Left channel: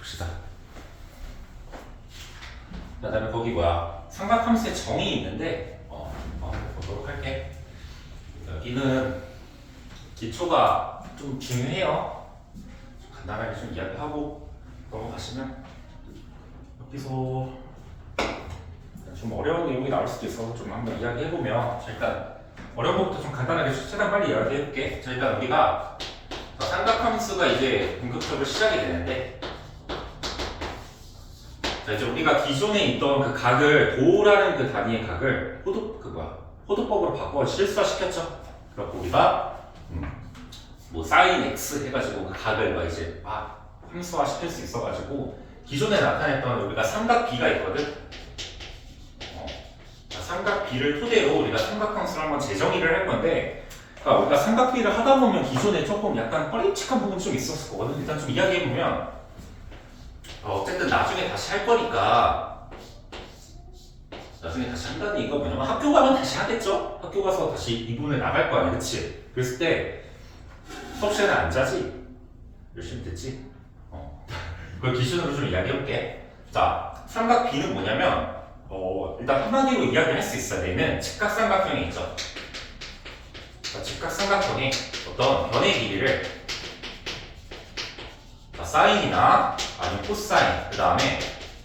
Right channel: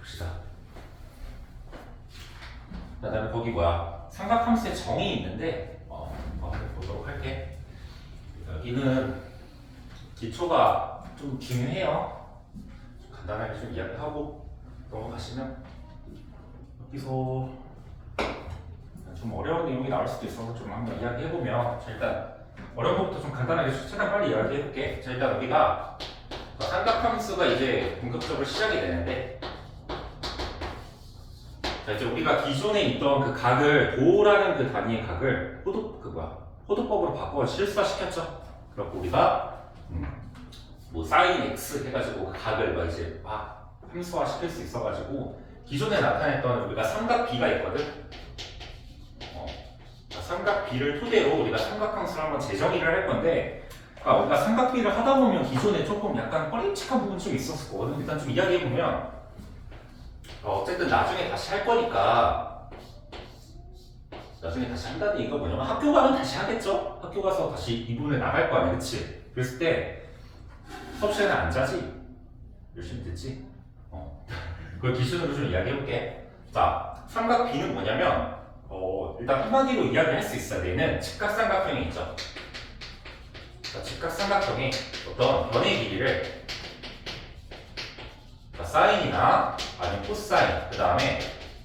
봅시다. 그다음에 거기 뭐야? 삼각함수의 정의 있는데 한번 보도록 할게. 여기는 기초가 좀 중요해요. 좀 간단하게 좀 이야기하고 넘어가시면 여기서 좀 어려운 내용이 나올 수도 있어서 좀 한번 이야기해보면, 자, 일단 어려운 것부터 좀 간단하게 최대한 빨리 이야기해볼게. 자, 일단 우리가 삼각함수가 이제 본격적으로 시작이 되는데, 자, 이제 우리가 기존에 있던 그 각을 도라는 그 단위의 각을 호도법으로 바꿔 실수화시켰죠. 그렇고 우리가 뭐 사인 x 해가지고 그 각을 막 이제 막 함수화 시킬 수 있어가지고 기존에 나타냈던 우리가 삼각 b가 있거든. 삼각 b를 토대로 우리가 삼각함수를 한번 재정의를 할 건데, 그러니까 우리가 삼각 b를 하다 보면 기존에 조금 약간 꺼림칙한 부분이 좀 있었을 거거든. 일단 좀 이야기해 보면, 어쨌든 나중에 다시 할 거니까, 나중에 다시 한다니 이거 뭐냐면 학교 가면 다시 하겠죠? 학교 가서 다시 이 부분에 나갈 거 아니야, 그치? 그랬을 때 수업 시간에 안 자지? 열심히 듣지? 그걸 기준으로 좀 이야기해 볼게. 자, 삼각 b는 뭐냐면 일단 한마디로 이야기할 수 있어야 되는 직각삼각형이 있죠. 자, 직각삼각형이 어떤 변의 길이를 사인이나 아니면 코사인, 그 다음에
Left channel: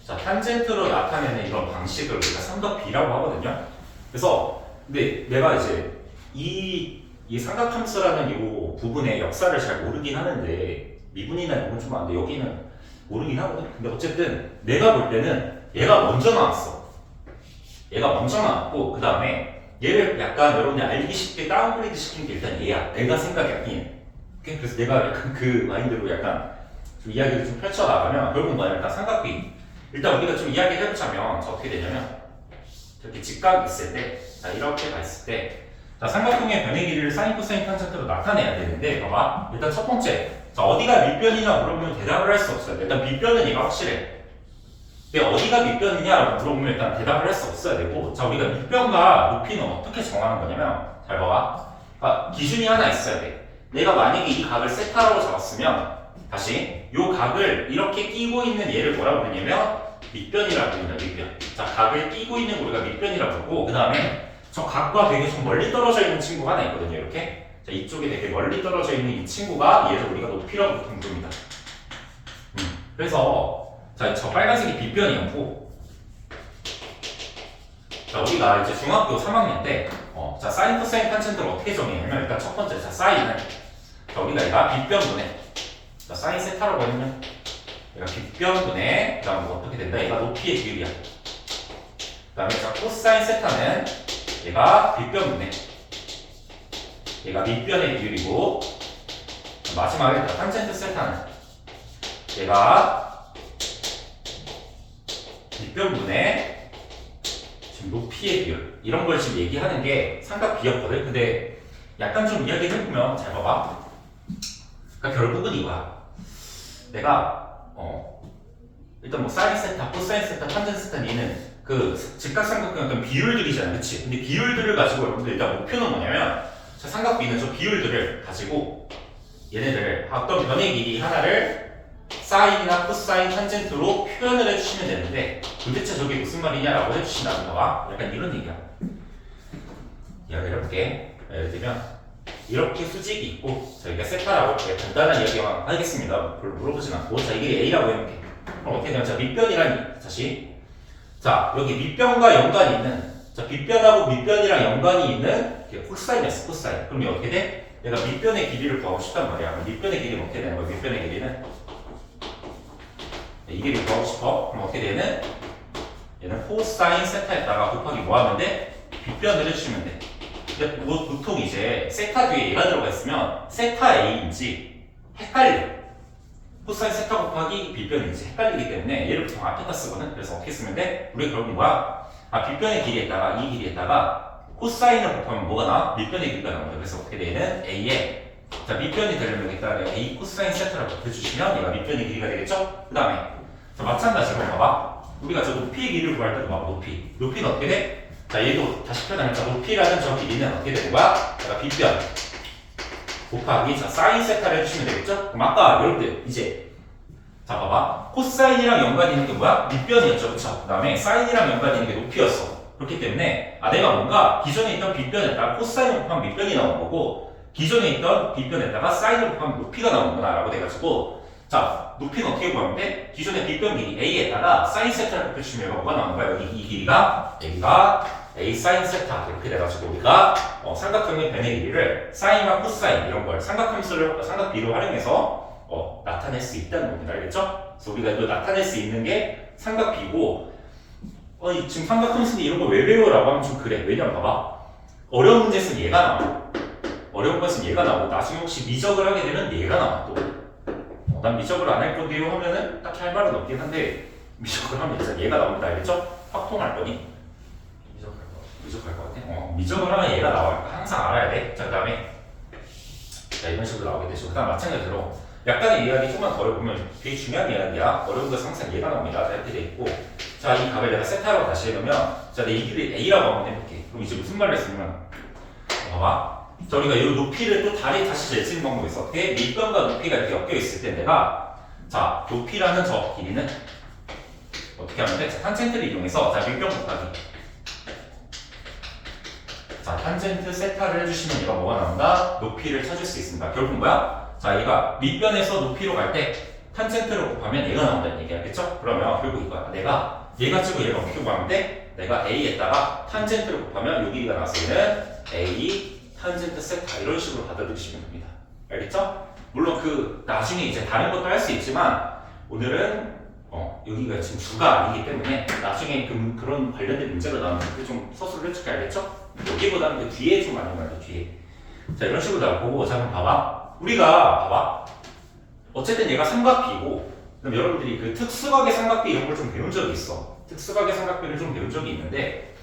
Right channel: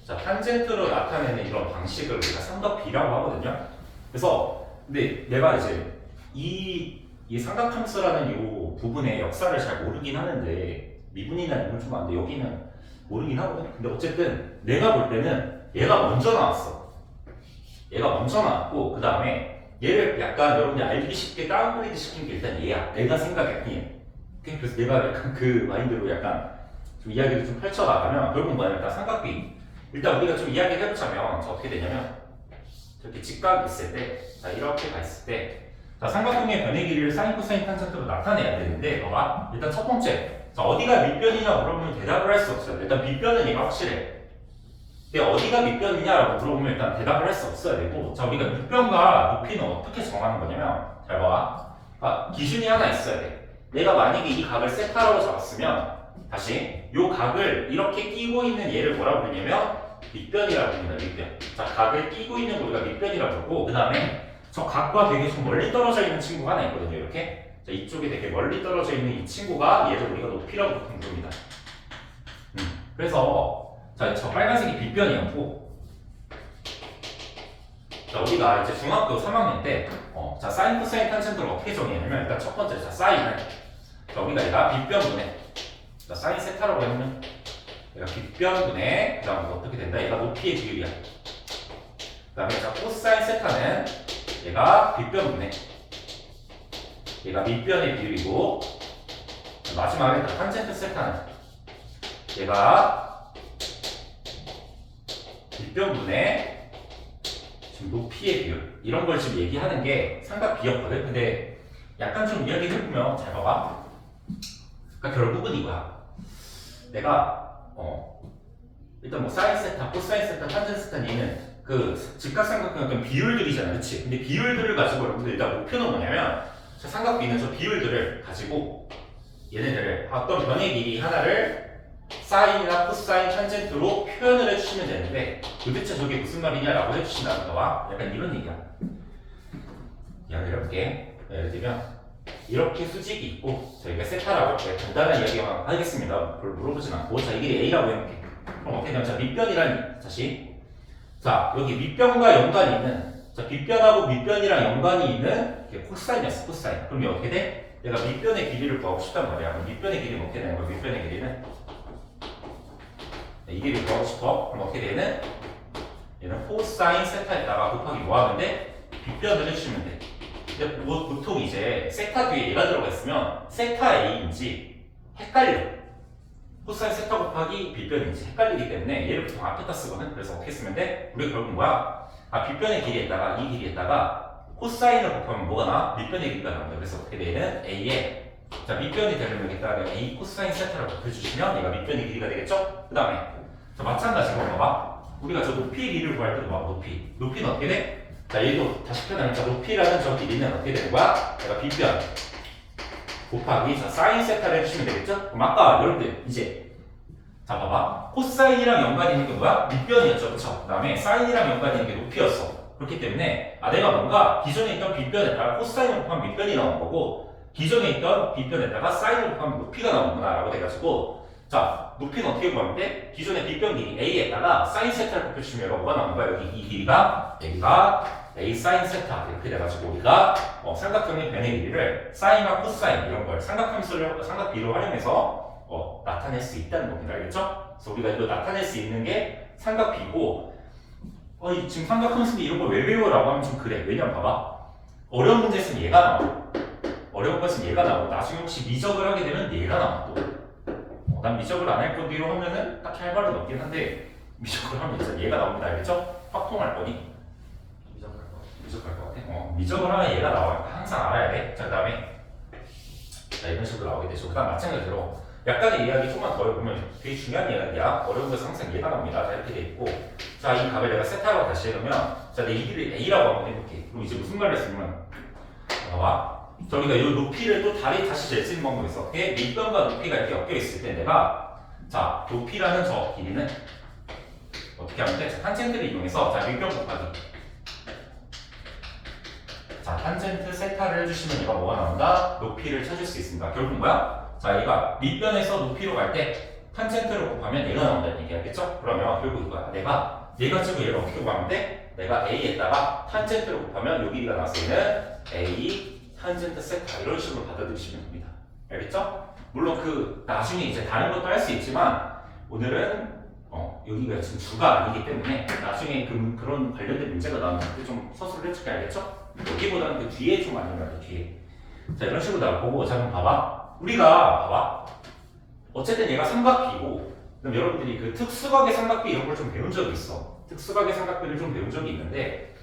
탄젠트로 나타내는 이런 방식을 우리가 삼각 b라고 하거든요. 그래서 근데 내가 이제 이 삼각함수라는 이 부분의 역사를 잘 모르긴 하는데, 미분이나 이런 건 좀 안 돼. 여기는 모르긴 하거든. 근데 어쨌든 내가 볼 때는 얘가 먼저 나왔어. 얘가 먼저 나왔고, 그 다음에 얘를 약간 여러분이 알기 쉽게 다운그레이드 시킨 게 일단 얘야. 내가 생각이 아니에요. 그래서 내가 약간 그 마인드로 약간 좀 이야기를 좀 펼쳐나가면 결국 뭐냐, 일단 삼각비. 일단 우리가 좀 이야기를 해보자면 어떻게 되냐면, 이렇게 직각이 있을 때, 이렇게 가 있을 때, 삼각형의 변의 길이를 사인, 코사인, 탄젠트로 나타내야 되는데, 봐봐. 일단 첫 번째, 어디가 밑변이냐 물어보면 대답을 할 수 없어요. 일단 밑변은 얘가 확실해. 근데 어디가 밑변이냐라고 물어보면 일단 대답을 할 수 없어야 되고, 자, 우리가 밑변과 높이는 어떻게 정하는 거냐면, 잘 봐봐. 기준이 하나 있어야 돼. 내가 만약에 이 각을 세타라고 잡았으면, 다시 이 각을 이렇게 끼고 있는 얘를 뭐라고 부르냐면 밑변이라고 부릅니다. 밑변. 자, 각을 끼고 있는 거 우리가 밑변이라고 부르고, 그 다음에 저 각과 되게 좀 멀리 떨어져 있는 친구가 하나 있거든요. 이렇게. 자, 이쪽에 되게 멀리 떨어져 있는 이 친구가 얘를 우리가 높이라고 보통 부릅니다. 그래서 자, 저 빨간색이 빗변이었고, 자, 우리가 이제 중학교 3학년 때 자, 사인, 코사인, 탄젠트를 어떻게 정의하냐면, 일단 첫 번째, 자, 사인은 자, 우리가 얘가 빗변분의, 자, 사인 세타라고 했으면 얘가 빗변분의, 그 다음 뭐 어떻게 된다? 얘가 높이의 비율이야. 그 다음에 자, 코사인 세타는 얘가 빗변분의, 얘가 밑변의 비율이고, 마지막에 탄젠트 세타는 얘가 밑변분의 지금 높이의 비율, 이런 걸 지금 얘기하는 게 삼각 비였거든. 근데 약간 좀 이야기를 해보면, 잘 봐봐. 그러니까 결국은 이거야. 내가 일단 뭐 사인 세타, 코사인 세타, 탄젠트 세타, 얘는 그 직각삼각형 어떤 비율들이잖아, 그치? 근데 비율들을 가지고 여러분들 일단 목표는 뭐냐면, 삼각 b는 저 비율들을 가지고 얘네들을 어떤 변의 길이 하나를 사인이나 코사인, 탄젠트로 표현을 해주시면 되는데, 도대체 저게 무슨 말이냐라고 해주신다는 거야. 약간 이런 얘기야. 이야기를 해볼게. 예를 들면 이렇게 수직이 있고 저희가 세타라고 간단한 이야기만 하겠습니다. 별로 물어보진 않고, 자, 이게 A라고 해볼게. 그럼 어떻게 되냐면, 자, 밑변이란, 다시 자, 여기 밑변과 연관이 있는, 자, 밑변하고 밑변이랑 연관이 있는 게 코사인이었어. 코사인. 그럼 어떻게 돼? 얘가 밑변의 길이를 구하고 싶단 말이야. 밑변의 길이는 어떻게 되는 거야? 밑변의 길이는 이 길이 구하고 싶어. 그럼 어떻게 되는? 얘는 코사인 세타에다가 곱하기 뭐 하면 돼? 빗변을 해주시면 돼. 근데 보통 이제 세타 뒤에 얘가 들어가 있으면 세타 A인지 헷갈려. 코사인 세타 곱하기 빗변인지 헷갈리기 때문에 얘를 보통 앞에다 쓰거든. 그래서 어떻게 쓰면 돼? 우리 결국 뭐야? 빗변의 길이에다가 이 길이에다가 코사인을 곱하면 뭐가 나와? 밑변의 길이가 나온다. 그래서 어떻게 되는? A에, 자, 밑변이 되려면 여기다가 A 코사인 세타를 곱해주시면 얘가 밑변의 길이가 되겠죠? 그 다음에 마찬가지로 봐봐. 우리가 저 높이의 길이를 구할 때도 봐봐. 높이는 어떻게 돼? 자, 얘도 다시 표현하면, 자, 높이라는 저 길이는 어떻게 되는 거야? 얘가 빗변 곱하기, 자, 사인 세타를 해주시면 되겠죠? 그럼 아까 여러분들 이제 자, 봐봐. 코사인이랑 연관이 있는 게 뭐야? 밑변이었죠. 그쵸? 그 다음에 사인이랑 연관이 있는 게 높이였어. 그렇기 때문에, 내가 뭔가 기존에 있던 빗변에다가 코사인을 곱하면 밑변이 나온 거고, 기존에 있던 빗변에다가 사인을 곱하면 높이가 나오는구나. 라고 돼가지고, 자, 높이는 어떻게 구하면 돼? 기존의 빗변 길이 A에다가 사인 세타를 곱해주시면 얘가 뭐가 나오는 거야? 여기 이 길이가, 여기가 A 사인 세타. 이렇게 돼가지고, 우리가 삼각형의 변의 길이를 사인과 코사인 이런 걸 삼각비로 활용해서 나타낼 수 있다는 겁니다. 알겠죠? 그래서 우리가 이거 나타낼 수 있는 게 삼각비고, 지금 삼각함수인데 이런 거 왜 배워라고 하면 좀 그래. 왜냐면 봐봐. 어려운 문제에서는 얘가 나와. 어려운 것은 얘가 나오고, 나중에 혹시 미적을 하게 되면 얘가 나와. 또. 난 미적을 안 할 건데요 하면은 딱히 할 말은 없긴 한데, 미적을 하면 진짜 얘가 나옵니다. 알겠죠? 확통할 거니? 미적할 것 같아. 미적을 하면 얘가 나와요. 항상 알아야 돼. 자, 그 다음에. 자, 이런 식으로 나오게 되죠. 그 다음 마찬가지로. 약간의 이야기 조금만 더 보면 되게 중요한 이야기야. 어려운 것은 항상 얘가 나옵니다. 이렇게 돼 있고. 자, 이 값을 내가 세타라고 다시 해놓으면, 자, 내 이 길을 A라고 한번 해볼게. 그럼 이제 무슨 말을 했으면, 봐봐. 저희가 이 높이를 또 다시 잴 수 있는 방법이 있어. 어떻게? 밑변과 높이가 이렇게 엮여 있을 때 내가, 자, 높이라는 저 길이는 어떻게 하면 돼? 자, 탄젠트를 이용해서, 자, 밑변 곱하기. 자, 탄젠트 세타를 해주시면 얘가 뭐가 나온다? 높이를 찾을 수 있습니다. 결국 뭐야? 자, 얘가 밑변에서 높이로 갈 때 탄젠트를 곱하면 얘가 나온다는 얘기 알겠죠? 그러면 결국 이거야. 내가 얘가 지고 얘를 어떻게 구하면 돼? 내가 A에다가 탄젠트를 곱하면 요 길이가 나왔을 때는 A 탄젠트 세타 이런 식으로 받아들이시면 됩니다. 알겠죠? 물론 나중에 이제 다른 것도 할 수 있지만 오늘은 여기가 지금 주가 아니기 때문에 나중에 그런 관련된 문제가 나오면 그때 좀 서술을 해줄게. 알겠죠? 여기보다는 그 뒤에 좀 많이 말이야. 뒤에. 자, 이런 식으로 나오고, 자, 그럼 봐봐. 우리가 봐봐. 어쨌든 얘가 삼각비고, 그럼 여러분들이 그 특수각의 삼각비 이런 걸 좀 배운 적이 있어. 특수각의 삼각비를 좀 배운 적이 있는데,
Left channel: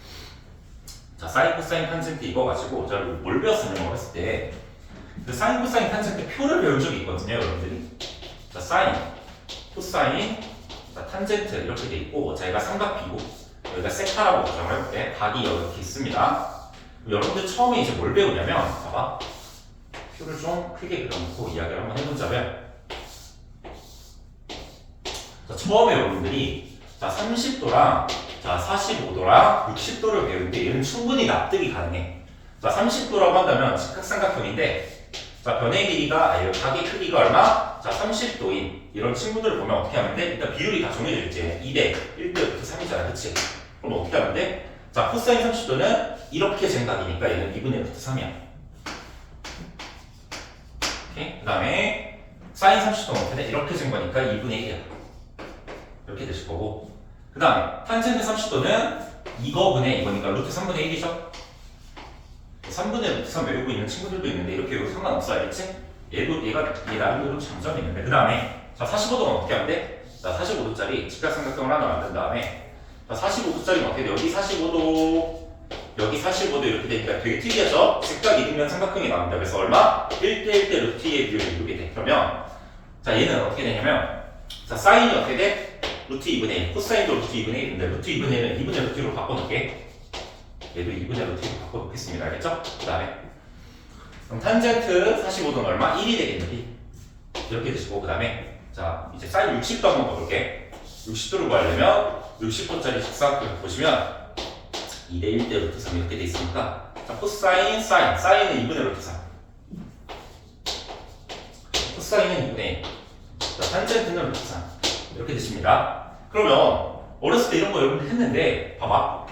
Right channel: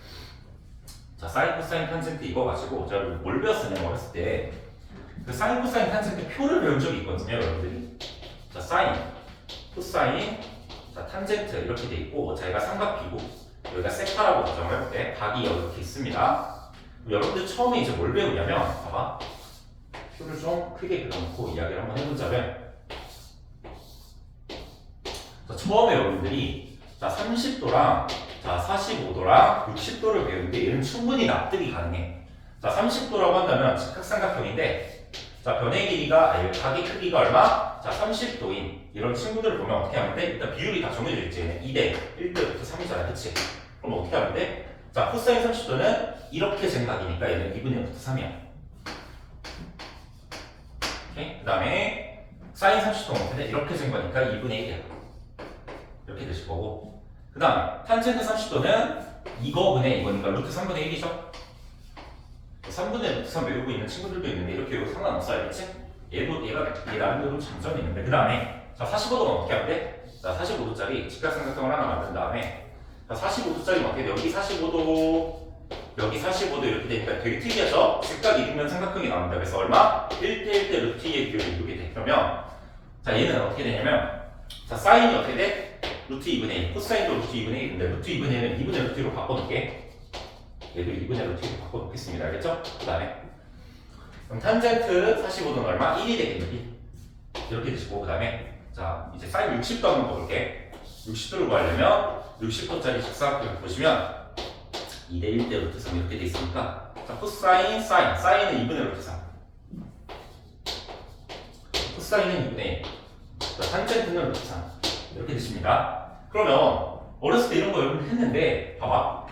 자, 사인, 코사인, 탄젠트 이거 가지고 제가 뭘 배웠었냐고 했을 때, 그 사인, 코사인, 탄젠트 표를 배운 적이 있거든요, 여러분들이. 자, 사인, 코사인, 자, 탄젠트 이렇게 돼 있고, 자, 얘가 삼각비고, 여기가 세타라고 가정을 해볼게. 각이 이렇게 있습니다. 여러분들 처음에 이제 뭘 배우냐면, 봐봐. 표를 좀 크게 그려놓고 이야기를 한번 해보자면, 자, 처음에 여러분들이 자 30도랑 자 45도랑 60도를 배우는데 얘는 충분히 납득이 가능해. 자 30도라고 한다면 직각삼각형인데, 자 변의 길이가 각의 크기가 얼마? 자 30도인 이런 친구들을 보면 어떻게 하면 돼? 일단 비율이 다 정해져 있지. 2대 1대 3이잖아, 그치? 그럼 어떻게 하면 돼? 자 코사인 30도는 이렇게 쟁각이니까 얘는 2분의 루트 3이야. 그 다음에 사인 30도는 어떻게 돼? 이렇게 된 거니까 2분의 1이야. 이렇게 되실 거고, 그 다음에 탄젠트 30도는 이거분의 이거니까 루트 3분의 1이죠. 3분의 루트 3 외우고 있는 친구들도 있는데 이렇게 외우고 상관없어. 알겠지? 얘 나름대로 장점이 있는데, 그 다음에 자 45도는 어떻게 하면 돼? 자 45도짜리 직각삼각형을 하나 만든 다음에, 자 45도짜리는 어떻게 돼? 여기 45도 여기 45도 이렇게 되니까 되게 특이하죠? 직각 이등변 삼각형이 나옵니다. 그래서 얼마? 1대 1대 루트 2의 비율이 이렇게 돼. 그러면 자 얘는 어떻게 되냐면, 자 사인이 어떻게 돼? 루트 2분의 1, 코사인도 루트 2분의 1인데 루트 2분의 1은 2분의 루트 2로 바꿔놓을게. 얘도 2분의 루트 2로 바꿔놓겠습니다. 알겠죠? 그 다음에 그럼 탄젠트 45도는 얼마? 1이 되겠네. 이렇게 되시고, 그 다음에 자 이제 사인 60도 한번 봐볼게. 60도를 구하려면 60도짜리 직사각형을 보시면 2대 1대 루트 3 이렇게 돼 있으니까, 자 코사인, 사인은 2분의 루트 3, 코사인은 2분의 1, 자 탄젠트는 루트 3 이렇게 되십니다. 그러면 어렸을 때 이런 거 여러분 했는데, 봐봐.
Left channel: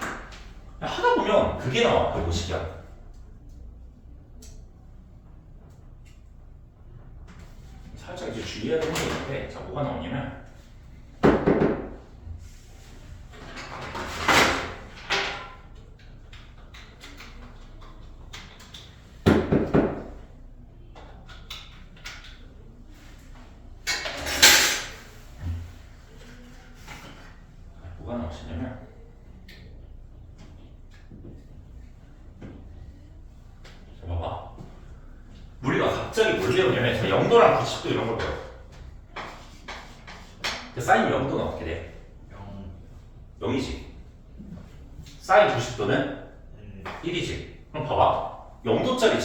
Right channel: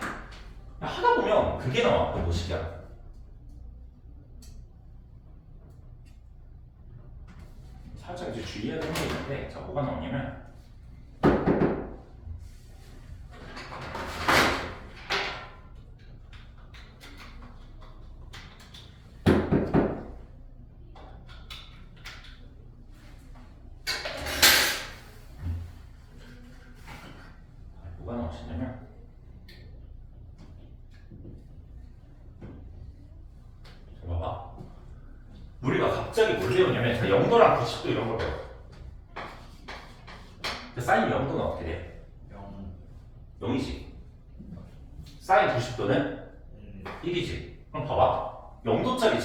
하다 보면 그게 나와. 거의 뭐시기야. 살짝 이제 주의해야 되는 게 있는데, 자 뭐가 나오냐면, 뭐가 나오시냐면, 자 봐봐. 우리가 갑자기 뭘 배우냐면, 자 0도랑 90도 이런 걸 배워. 사인 0도는 어떻게 돼? 0이지. 사인 90도는 1이지. 그럼 봐봐. 0도짜리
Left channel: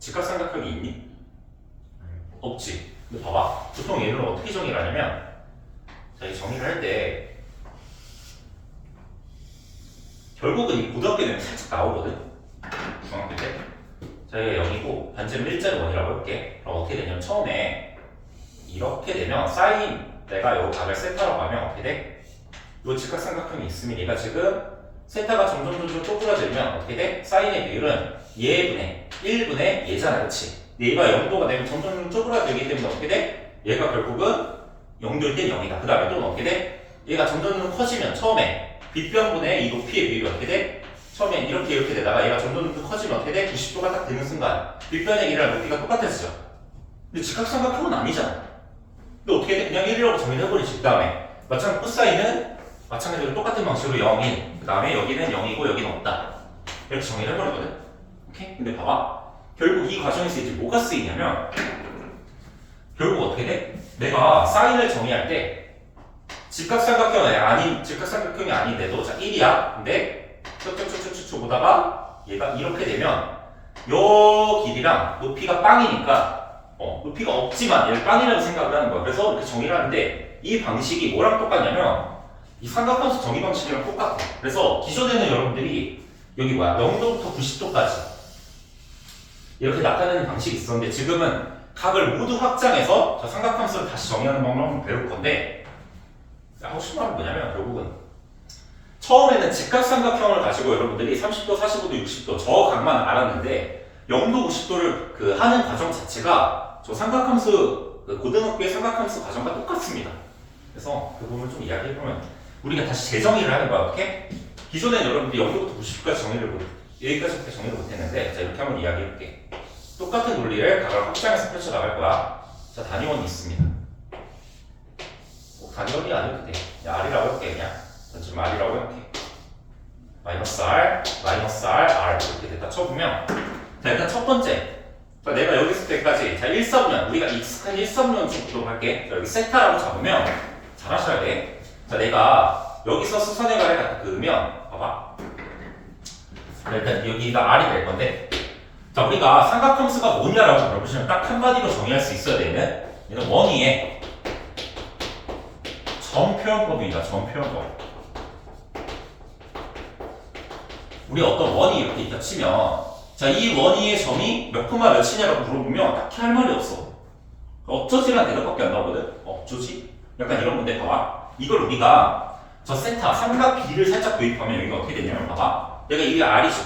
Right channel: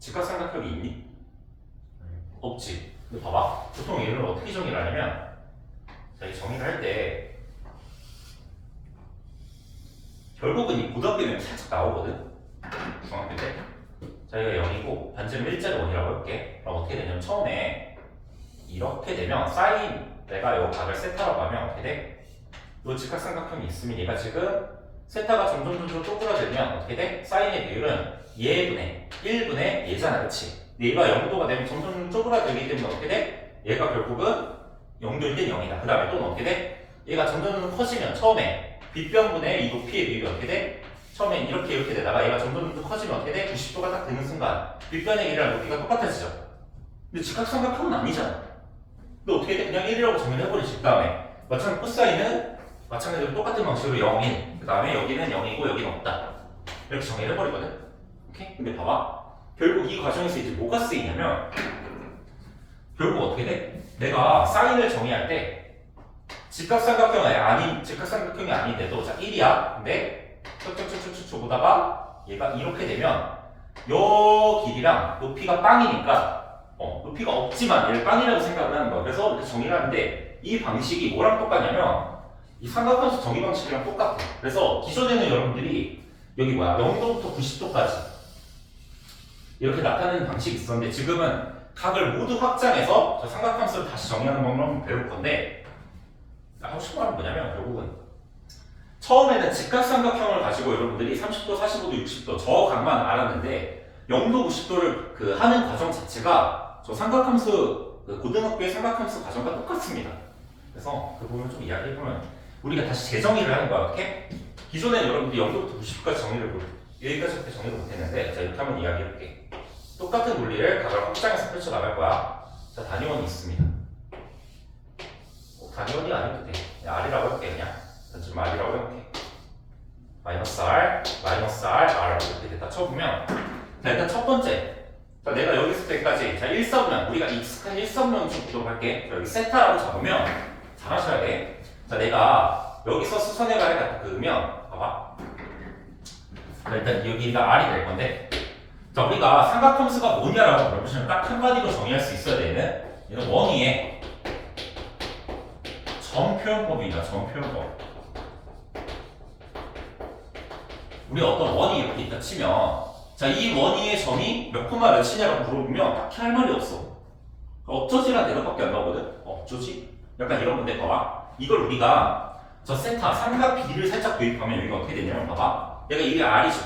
직각삼각형이 있니? 없지. 근데 봐봐. 보통 얘를 어떻게 정의를 하냐면 자, 이 정의를 할 때 결국은 이 고등학교 되면 살짝 나오거든. 중학교 때. 자, 여기가 0이고 반지름 일자로 1이라고 해볼게. 그럼 어떻게 되냐면 처음에 이렇게 되면 사인 내가 요 각을 세타라고 하면 어떻게 돼? 요 직각삼각형이 있으면 얘가 지금 세타가 점점 쪼그라들면 어떻게 돼? 사인의 비율은 얘분의 1분의 얘잖아, 그치? 근데 얘가 0도가 되면 점점 쪼그라들기 때문에 어떻게 돼? 얘가 결국은 0도일 땐 0이다. 그 다음에 또는 어떻게 돼? 얘가 점점 커지면 처음에 빗변분의 이 높이의 비율이 어떻게 돼? 처음엔 이렇게 되다가 얘가 점점 더 커지면 어떻게 돼? 90도가 딱 되는 순간 빗변의 길이랑 높이가 똑같아지죠. 근데 직각삼각형은 아니잖아. 근데 어떻게 돼? 그냥 1이라고 정의를 해버리지. 그 다음에 마찬가지로 코사인은 마찬가지로 똑같은 방식으로 0, 1. 그 다음에 여기는 0이고 여기는 없다. 이렇게 정의를 해버리거든. 오케이? 근데 봐봐. 결국 이 과정에서 이제 뭐가 쓰이냐면 결국 어떻게 돼? 내가 사인을 정의할 때 직각삼각형이 아닌데도 자 1이야. 근데 쭉쭉쭉쭉 보다가 얘가 이렇게 되면 요 길이랑 높이가 빵이니까 높이가 없지만 얘를 빵이라고 생각을 하는 거야. 그래서 이렇게 정의를 하는데 이 방식이 뭐랑 똑같냐면 이 삼각함수 정의 방식이랑 똑같아. 그래서 기존에는 여러분들이 여기 0도부터 90도까지 이렇게 나타내는 방식이 있었는데 지금은 각을 모두 확장해서 저 삼각함수를 다시 정의하는 방법을 한번 배울 건데 하고 싶은 말은 뭐냐면 결국은 처음에는 직각삼각형을 가지고 여러분들이 30도, 45도, 60도 저 각만 알았는데 0도, 90도를 그 하는 과정 자체가 저 삼각함수 고등학교의 삼각함수 과정과 똑같습니다. 그래서 그 부분을 좀 이야기해보면 우리가 다시 재정의를 하는 거야. 어떻게? 기존에 여러분들이 0도부터 90도까지 정의를 여기까지부터 정의를 못했는데 자 이렇게 한번 이야기해볼게. 똑같은 논리를 각을 확장해서 펼쳐나갈 거야. 자 단위원이 있습니다. 단위원이 아니어도 돼. 그냥 R이라고 해볼게. 그냥 지금 R이라고 해볼게. 마이너스 R, R 이렇게 됐다 쳐보면 자 일단 첫 번째 자, 내가 여기 있을 때까지 자 1선면 우리가 익숙한 1선면 좀 보도록 할게. 자, 여기 세타라고 잡으면 잘 하셔야 돼. 자 내가 여기서 수선의 가를 갖다 그으면 봐봐. 자, 일단 여기가 R이 될 건데 자 우리가 삼각함수가 뭐냐라고 물어보시면 딱 한마디로 정의할 수 있어야 되는 얘는 원위에 점표현법입니다. 점표현법. 우리 어떤 원이 이렇게 있다 치면 자 이 원위의 점이 몇 콤마 몇이냐라고 물어보면 딱히 할 말이 없어. 어쩌지란 대답밖에 안 나오거든. 어쩌지? 약간 이런 건데 봐봐. 이걸 우리가 저 세타 삼각 길이를 살짝 도입하면 여기가 어떻게 되냐면 봐봐. 얘가 이게 R이죠.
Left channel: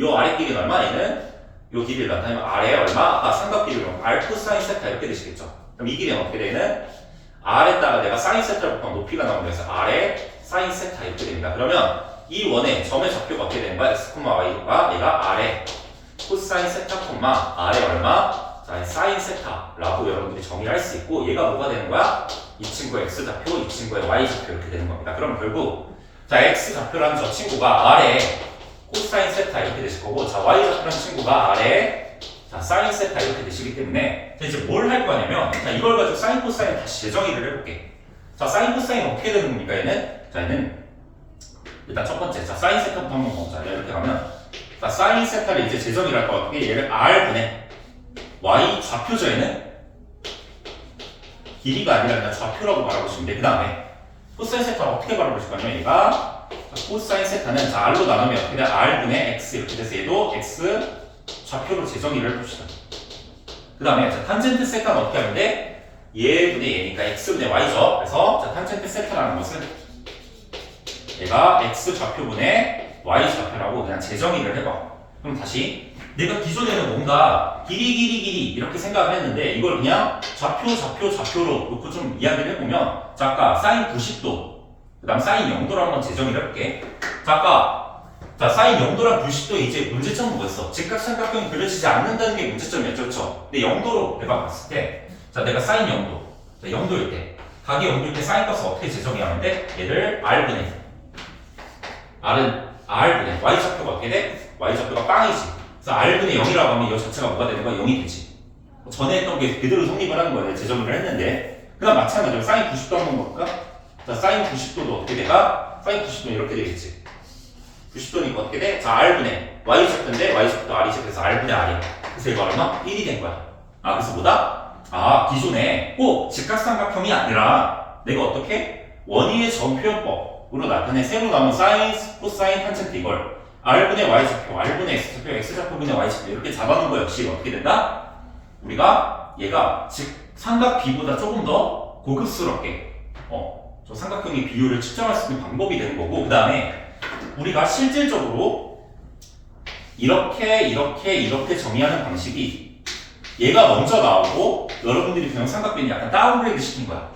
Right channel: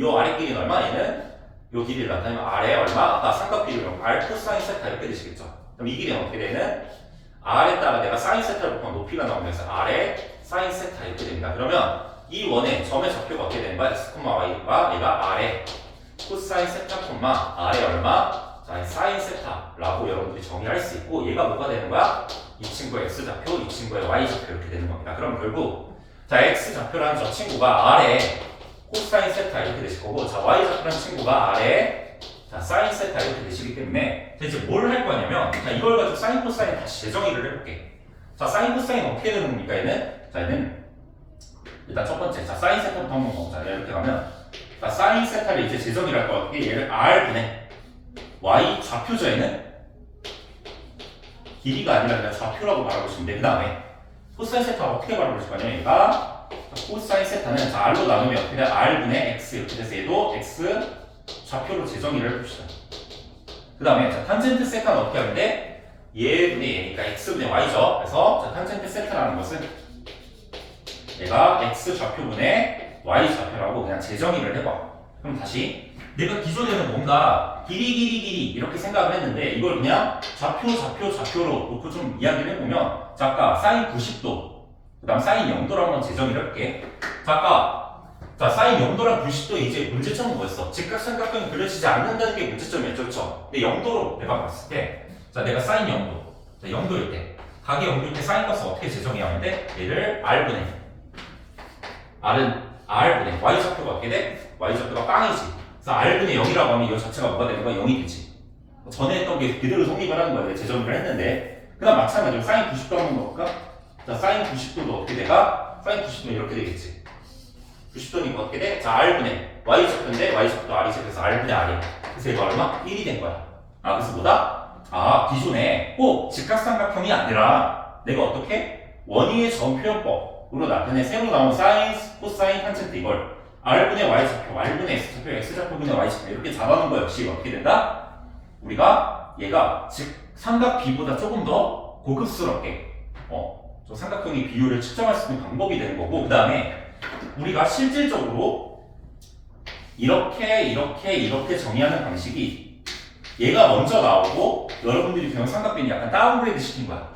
요 아래 길이는 얼마? 얘는 요 길이를 나타내면 R에 얼마? 아까 삼각 길이로 R 코사인 세타 이렇게 되시겠죠. 그럼 이 길이는 어떻게 되는? R에다가 내가 사인 세타를 곱하면 높이가 나오면서 R에 사인 세타 이렇게 됩니다. 그러면 이 원의 점의 좌표가 어떻게 되는 거야? x, y가 얘가 R에 코사인 세타, R에 얼마? 자, 사인 세타라고 여러분들이 정의할 수 있고 얘가 뭐가 되는 거야? 이 친구의 x 좌표, 이 친구의 y 좌표 이렇게 되는 겁니다. 그럼 결국 자 x 좌표라는 저 친구가 R에 코사인 세타 이렇게 되실 거고 자 y 좌표라는 친구가 R에 자 사인 세타 이렇게 되시기 때문에 자, 이제 뭘 할 거냐면 자 이걸 가지고 사인 코사인 다시 재정의를 해볼게. 자 사인 코사인 어떻게 되는 겁니까? 얘는 일단 첫 번째 자 사인 세타부터 한번 보자. 이렇게 가면 자 사인 세타를 이제 재정의를 할 거야. 어떻게 얘를 R분의 y 좌표죠. 얘는 길이가 아니라 그냥 좌표라고 말하고 있는데 그 다음에 코사인 세타가 어떻게 말해보실 거냐면 얘가 코사인 세타는 자 R로 나누면 어떻게 돼? R분의 X 이렇게 돼서 얘도 X 좌표로 재정의를 해봅시다. 그 다음에 자 탄젠트 세타는 어떻게 하면 돼? 얘분의 얘니까 X분의 Y죠. 그래서 자 탄젠트 세타라는 것은 얘가 X 좌표분의 Y 좌표라고 그냥 재정의를 해봐. 그럼 다시 내가 기존에는 뭔가 길이 이렇게 생각을 했는데 이걸 그냥 좌표로 놓고 좀 이야기를 해보면 자 아까 사인 90도 그 다음 사인 0도로 한번 재정의를 해볼게. 자 아까 자 사인 0도랑 90도 이제 문제점은 뭐였어? 직각삼각형이 그려지지 않는다는 게 문제점이었죠. 그렇죠? 근데 0도로 내가 봤을 때 자 내가 사인 0도 자 0도일 때 각이 0도일 때 사인 값을 어떻게 재정의하는데 얘를 R분의 R분의 Y 좌표가 어떻게 돼? Y 좌표가 빵이지. 그래서 R분의 0이라고 하면 이 자체가 뭐가 되는 거야? 0이 되지. 전에 했던 게 그대로 성립을 하는 거예요. 재정의를 했는데. 그 다음 마찬가지로 사인 90도 한번 넣을까? 자, 사인 90도도 어떻게 돼가? 사인 90도는 이렇게 되겠지. 90도니까 어떻게 돼? 자, R분의 Y 좌표인데 Y 좌표도 R이지. 그래서 R분의 R이. 그래서 이거 얼마? 1이 된 거야. 아, 그래서 뭐다? 기존에 꼭 직각삼각형이 아니라 내가 어떻게 원위의 점표현법으로 나타낸 새로 나온 사인, 코사인, 탄젠트 이걸 R분의 Y좌표, R분의 X좌표, X좌표분의 Y좌표 이렇게 잡아놓은 거 역시 어떻게 된다? 우리가 얘가 즉 삼각 B보다 조금 더 고급스럽게 저 삼각형의 비율을 측정할 수 있는 방법이 되는 거고, 그 다음에 우리가 실질적으로 이렇게 정의하는 방식이 얘가 먼저 나오고 여러분들이 배운 삼각비는 약간 다운그레이드 시킨 거야.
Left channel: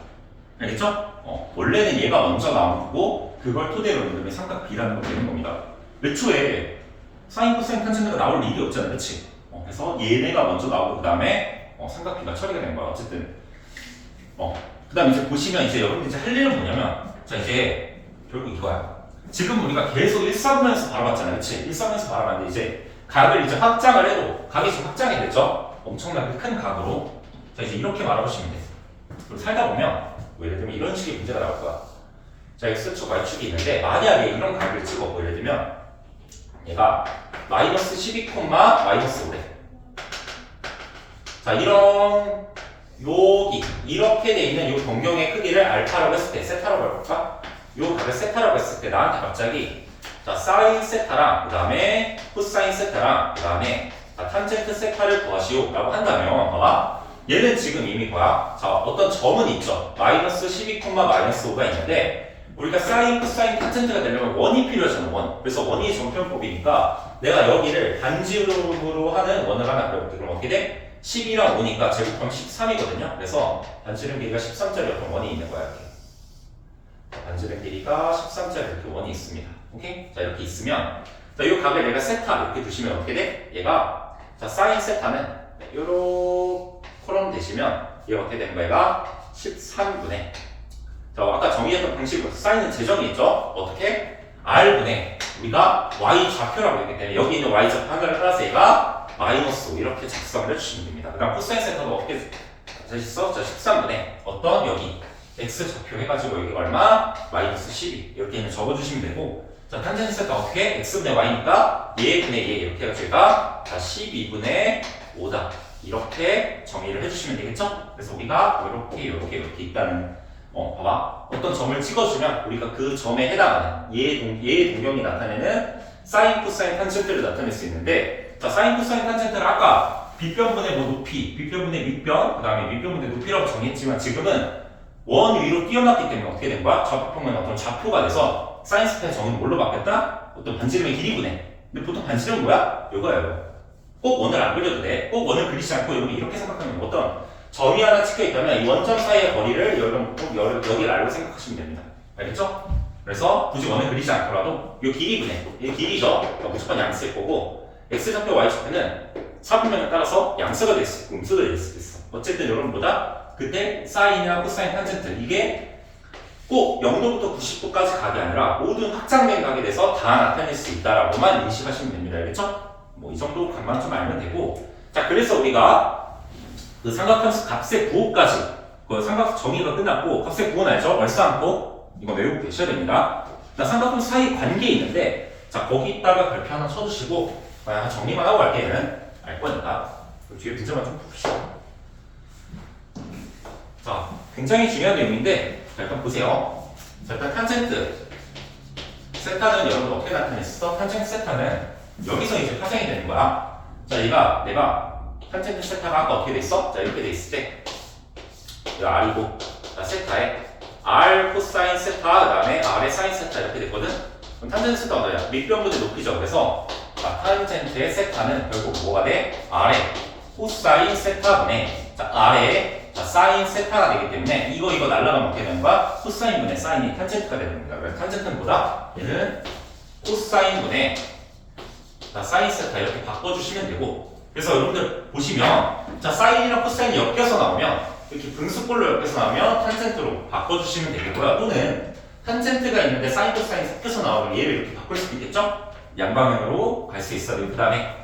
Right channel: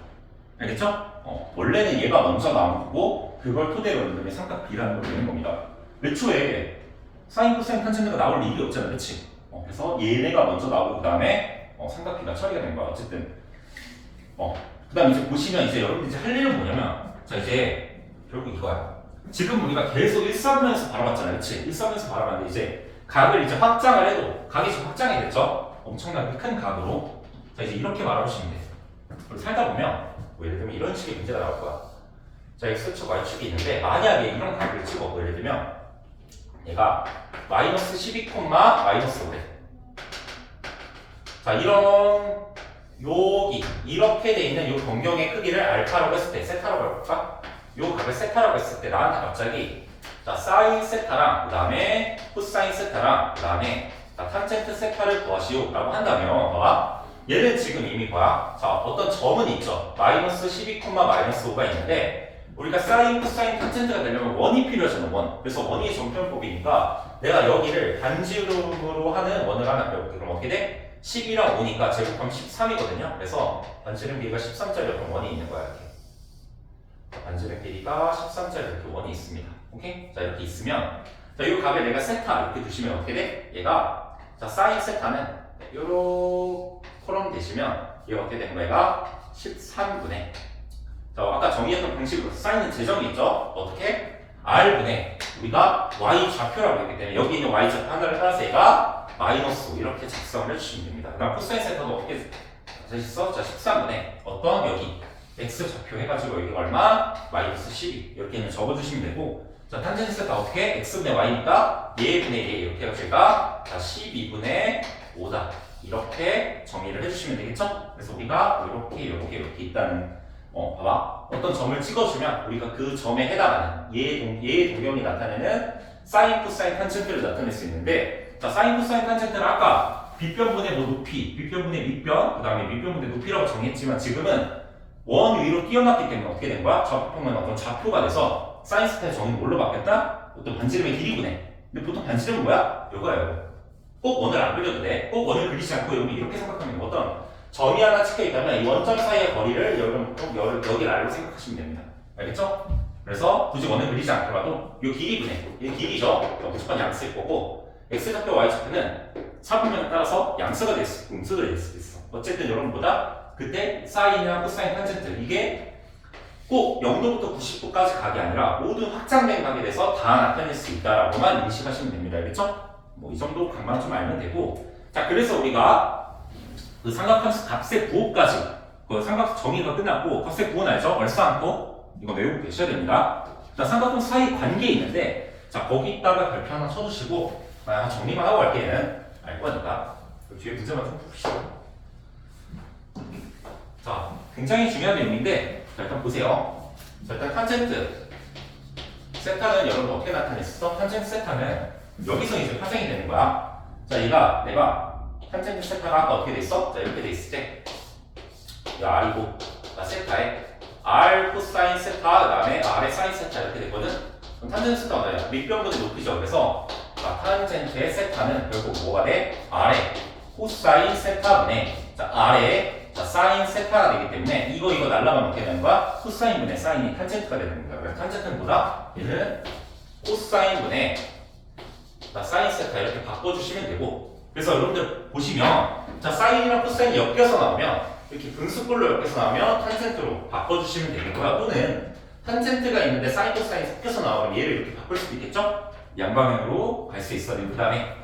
알겠죠? 원래는 얘가 먼저 나오고 그걸 토대로 이름의 삼각비라는 걸 되는 겁니다. 애초에 사인, 코사인, 탄젠트가 나올 일이 없잖아, 그치? 그래서 얘네가 먼저 나오고 그 다음에 삼각비가 처리가 된 거야. 어쨌든 그 다음에 이제 보시면 이제 여러분들 이제 할 일은 뭐냐면, 자 이제 결국 이거야. 지금 우리가 계속 1사분면에서 바라봤잖아, 그치? 1사분면에서 바라봤는데 이제 각을 이제 확장을 해도 각이 지금 확장이 됐죠? 엄청나게 큰 각으로. 자 이제 이렇게 말아보시면 돼. 그리고 살다 보면 예를 들면 이런 식의 문제가 나올 거야. 자 X축, Y축이 있는데 만약에 이런 각을 찍어 예를 들면 얘가 마이너스 12, 마이너스 5래. 자 이런 여기 이렇게 돼 있는 이 변경의 크기를 알파라고 했을 때, 세타라고 해볼까? 요 각을 세타라고 했을 때 나한테 갑자기 자 사인 세타랑 그 다음에 코사인 세타랑 그 다음에 탄젠트 세타를 구하시오 라고 한다면 봐봐, 얘는 지금 이미 뭐야? 자 어떤 점은 있죠. 마이너스 12, 마이너스 5가 있는데 우리가 사인, 코사인, 탄젠트가 되려면 원이 필요하잖아, 원. 그래서 원이 점표현법이니까 내가 여기를 반지름으로 하는 원을 하나 그려볼게. 그럼 어떻게 돼? 10이랑 5니까 제곱하면 13이거든요. 그래서 반지름 길이가 13짜리 어떤 원이 있는 거야, 이렇게. 반지름 길이가 13짜리 이렇게 원이 있습니다. 오케이? 자, 이렇게 있으면, 자, 이 각을 내가 세타 이렇게 두시면 어떻게 돼? 얘가, 자, 사인 세타는, 요렇게 콜럼 대시면, 얘가 어떻게 되는 거야? 얘가 13분의, 자, 아까 정의했던 방식으로 사인은 재정이 있죠? 어떻게? R분의, 우리가 Y 좌표라고 했기 때문에, 여기 있는 Y 좌표 하나를 따라서 얘가 마이너스 5 이렇게 작성을 해주시면 됩니다. 그 다음 코사인 세타도 어떻게 써? 자, 13분의 어떤 여기 x 좌표 해가지고 여기 얼마? 마이너스 12 이렇게 그냥 적어주시면 되고, 자 탄젠트 세타 어떻게? x분의 y니까 얘분의 얘 이렇게 해가지고 얘가 12분의 5다 이렇게 정의를 해주시면 되겠죠? 그래서 우리가 이렇게 있다는 봐봐, 어떤 점을 찍어주면 우리가 그 점에 해당하는 얘의 동경이 나타내는 사인, 코사인, 탄젠트를 나타낼 수 있는데, 자 사인, 코사인, 탄젠트를 아까 빗변분의 뭐 높이, 빗변분의 밑변, 그 다음에 밑변분의 높이라고 정했지만 지금은 원 위로 뛰어났기 때문에 어떻게 된 거야? 좌표평면 어떤 좌표가 돼서 사인 세타의 정의는 뭘로 바뀌었다? 어떤 반지름의 길이분해. 근데 보통 반지름은 뭐야? 이거예요. 꼭 원을 안 그려도 돼. 꼭 원을 그리지 않고 여기 이렇게 생각하면 어떤 점이 하나 찍혀 있다면 이 원점 사이의 거리를 여기 R로 생각하시면 됩니다. 알겠죠? 그래서 굳이 원을 그리지 않더라도 이 길이분해, 이 길이죠. 무조건 양수일 거고, X좌표, Y좌표는 사분면에 따라서 양수가 될 수 있고 음수가 될 수도 있어. 어쨌든 여러분보다 그때 사인이나 코사인, 탄젠트 이게 꼭 0도부터 90도까지 각이 아니라 모든 확장된 각에 대해서 다 나타낼 수 있다라고만 인식하시면 됩니다. 알겠죠? 뭐 이 정도 각만 좀 알면 되고, 자 그래서 우리가 그 삼각함수 값의 부호까지 그 삼각 정의가 끝났고, 값의 부호는 알죠? 얼싸안고 이거 외우고 계셔야 됩니다. 자 삼각함수 사이 관계 있는데, 자 거기다가 별표 하나 쳐주시고 정리만 하고 갈게. 얘는 알 거니까 그 뒤에 문제만 좀 봅시다. 자, 굉장히 중요한 내용인데, 자, 일단 보세요. 자, 일단 탄젠트 세타는 여러분 어떻게 나타냈어? 탄젠트 세타는 여기서 이제 파생이 되는 거야. 자, 내가 탄젠트 세타가 아까 어떻게 됐어? 자, 이렇게 돼 있을 때, 이 R이고, 자, 세타에 R 코사인 세타, 그 다음에 R의 사인 세타 이렇게 됐거든? 그럼 탄젠트 세타가 뭐야? 밑변분의 높이죠. 그래서, 자, 탄젠트의 세타는 결국 뭐가 돼? R의 코사인 세타분의, 자, R의 자, 사인 세타가 되기 때문에 이거 날라가면 어떻게 되는 거야? 코사인분의 사인이 탄젠트가 되는 겁니다. 그래서 탄젠트는 뭐다? 얘는 코사인분의 자, 사인 세타 이렇게 바꿔주시면 되고, 그래서 여러분들 보시면 자 사인이랑 코사인이 엮여서 나오면 이렇게 분수꼴로 엮여서 나오면 탄젠트로 바꿔주시면 되는 거야. 또는 탄젠트가 있는데 사인, 코사인이 섞여서 나오면 얘를 이렇게 바꿀 수도 있겠죠? 양방향으로 갈 수 있어요. 그 다음에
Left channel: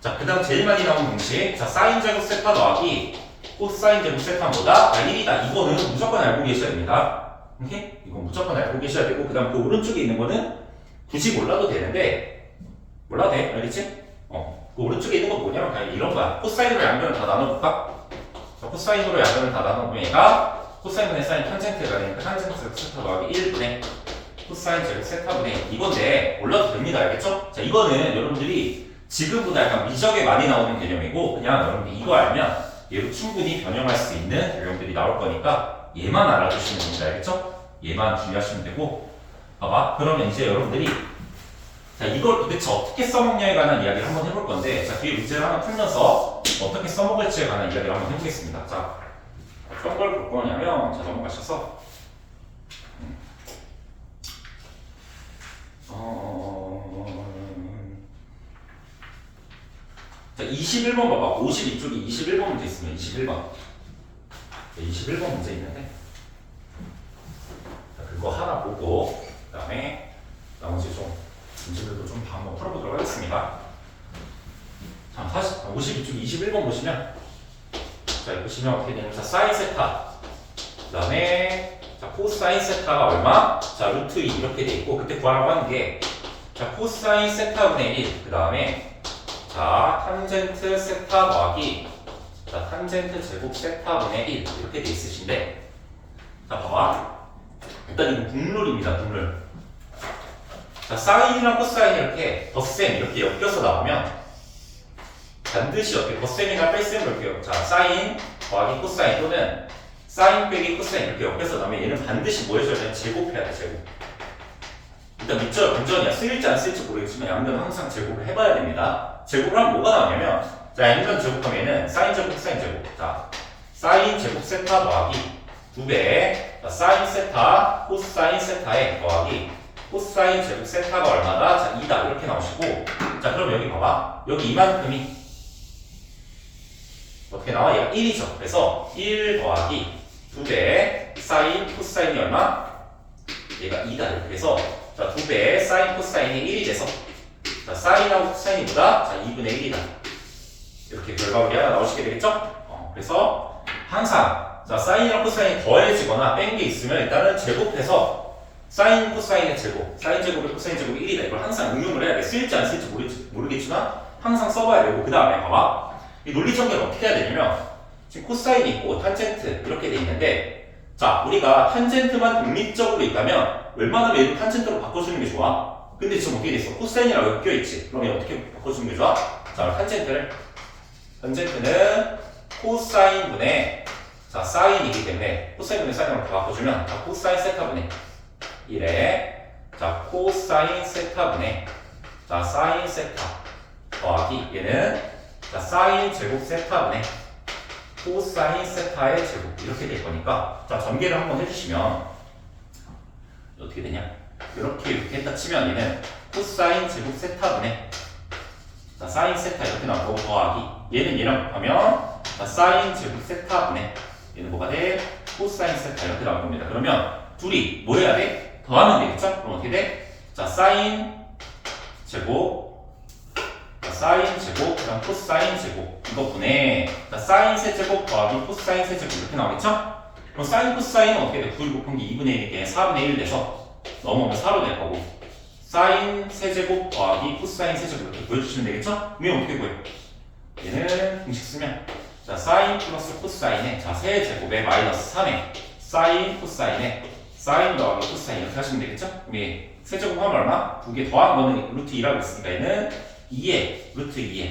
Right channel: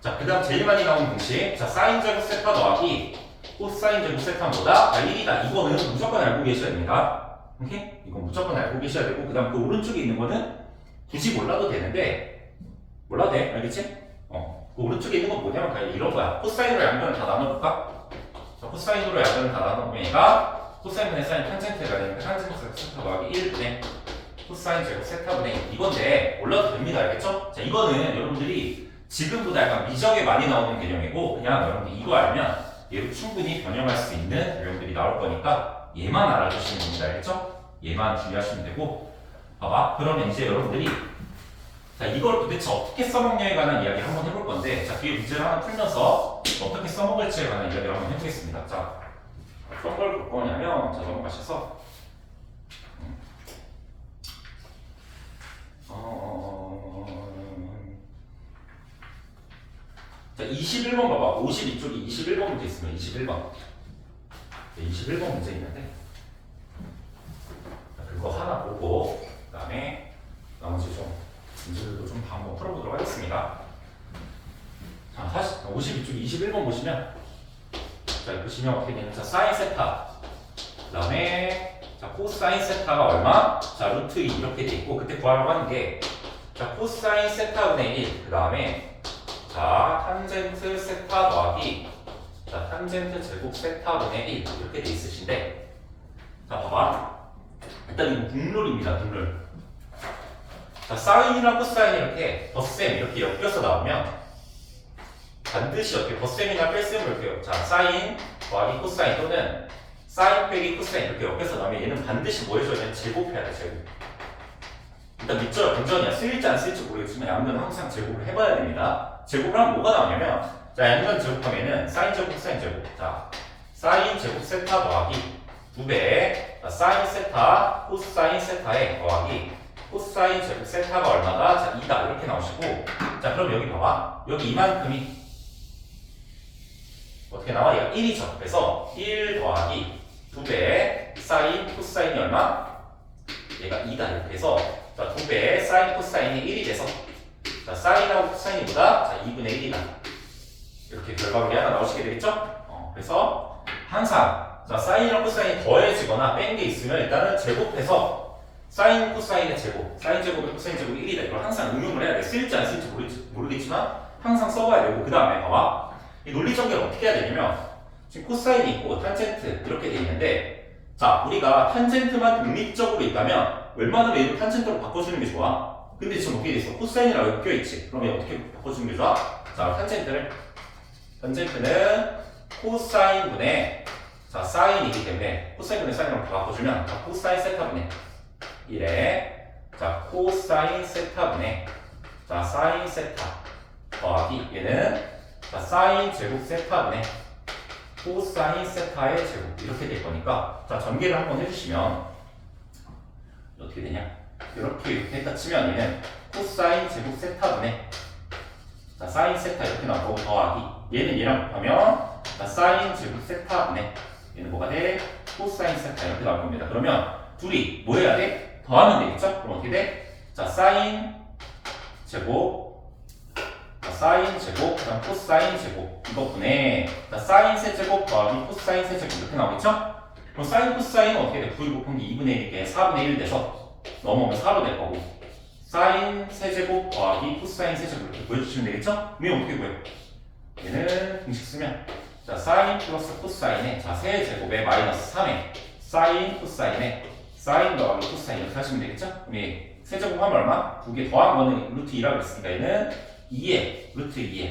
자, 그 다음 제일 많이 나오는 공식, 자 사인 제곱 세타 더하기 코사인 제곱 세타보다 1이다. 이거는 무조건 알고 계셔야 됩니다. 오케이? 이건 무조건 알고 계셔야 되고, 그 다음 그 오른쪽에 있는 거는 굳이 몰라도 되는데, 몰라도 돼. 알겠지? 그 오른쪽에 있는 건 뭐냐면 그냥 이런 거야. 코사인으로 양변을 다 나눠볼까? 코사인으로 약분을 다 나눠보니까 코사인분의 사인 탄젠트가 되니까 탄젠트 제곱 세타 더하기 1분의 코사인 제곱 세타분의 1 이건데 몰라도 됩니다. 알겠죠? 자 이거는 여러분들이 지금보다 약간 미적에 많이 나오는 개념이고 그냥 여러분들이 이거 알면 얘로 충분히 변형할 수 있는 유형들이 나올 거니까 얘만 알아두시면 됩니다. 알겠죠? 얘만 주의하시면 되고 봐봐 그러면 이제 여러분들이 자 이걸 도대체 어떻게 써먹냐에 관한 이야기를 한번 해볼 건데 자 뒤에 문제를 하나 풀면서 어떻게 써먹을지에 관한 이야기를 한번 해보겠습니다. 자 어떤 걸 볼 거냐면 자 넘어가셔서 자 21번 봐봐 52쪽에 21번 문제 있으면 21번 21번 문제 있는데 자, 그거 하나 보고 그 다음에 나머지 좀 문제들도 좀 한번 풀어보도록 하겠습니다. 자, 52쪽 21번 보시면 자, 보시면 어떻게 되냐면 자, 사인 세타 그 다음에 자, 코사인 세타가 얼마? 자, 루트 2 이렇게 돼 있고 그때 구하라고 하는 게 자, 코사인 세타분의 1 그 다음에 자, 탄젠트 세타 더하기 자, 탄젠트 제곱 세타분의 1 이렇게 돼 있으신데 자, 봐봐 일단 이거 국룰입니다. 국룰 자, 사인이랑 코사인이 이렇게 덧셈 이렇게 엮여서 나오면 반드시 어떻게 덧셈이나 뺄셈을 이렇게 자, 사인 더하기 코사인 또는 사인 빼기 코사인 이렇게 엮여서 나오면 얘는 반드시 뭐 해줘야 돼? 제곱해야 돼, 제곱. 일단 밑줄 본전이야. 쓰일지 안 쓰일지 모르겠지만 양변은 항상 제곱을 해봐야 됩니다. 제곱을 하면 뭐가 나오냐면 자, 양변 제곱하면 얘는 사인 제곱, 코사인 제곱. 자, 사인 제곱 세타 더하기 2배 자, 사인 세타, 코사인 세타에 더하기 코사인 제곱 세타가 얼마다? 자, 2다. 이렇게 나오시고 자, 그럼 여기 봐봐. 여기 이만큼이 어떻게 나와? 얘가 1이죠. 그래서 1 더하기 2배 사인 코사인이 얼마? 얘가 2다. 이렇게 해서 자, 2배 사인 코사인이 1이 돼서 자, 사인하고 코사인이 뭐다? 자, 2분의 1이다. 이렇게 결과물이 하나 나오시게 되겠죠? 그래서 항상 자, 사인이랑 코사인이 더해지거나 뺀 게 있으면 일단은 제곱해서 사인 코사인의 제곱, 사인 제곱이 코사인 제곱이 1이다. 이걸 항상 응용을 해야 돼. 쓸지 안 쓸지 모르겠지만 항상 써봐야 되고 그 다음에 봐봐. 이 논리 전개를 어떻게 해야 되냐면 지금 코사인이 있고 탄젠트 이렇게 돼 있는데 자 우리가 탄젠트만 독립적으로 있다면 웬만하면 얘도 탄젠트로 바꿔주는 게 좋아. 근데 지금 어떻게 돼 있어? 코사인이랑 엮여있지. 그럼 얘 어떻게 바꿔주는 게 좋아? 자 탄젠트는 코사인분의 자 사인이기 때문에 코사인분의 사인으로 다 바꿔주면 자 코사인 세타분의 1에 자 코사인 세타분의 자 사인 세타 더하기 얘는 자 사인 제곱 세타분의 코사인 세타의 제곱 이렇게 될 거니까 자 전개를 한번 해주시면 어떻게 되냐 이렇게 했다 치면 얘는 코사인 제곱 세타분의 자 사인 세타 이렇게 나오고 더하기 얘는 얘랑 곱하면 자 사인 제곱 세타분의 얘는 뭐가 돼? 코사인 세타 이렇게 나올 겁니다. 그러면 둘이 뭐 해야 돼? 더하면 되겠죠? 그럼 어떻게 돼? 자 사인 제곱 사인 제곱, 그다음 코사인 제곱 이것분에 사인 세제곱 더하기 코사인 세제곱 이렇게 나오겠죠? 그럼 사인 코사인은 어떻게 돼? 9 곱하기 2분의 1이니까 4분의 1 돼서 넘어오면 4로 될 거고 사인 세제곱 더하기 코사인 세제곱 이렇게 구해주시면 되겠죠? 그럼 어떻게 구해요? 얘는 공식 쓰면 자 사인 플러스 코사인에 자 세제곱에 마이너스 3에 사인 코사인에 사인 더하기 코사인 이렇게 하시면 되겠죠? 그럼 얘 세제곱하면 얼마? 두 개 더한 거는 루트 2라고 했으니까 얘는 2에 루트 2에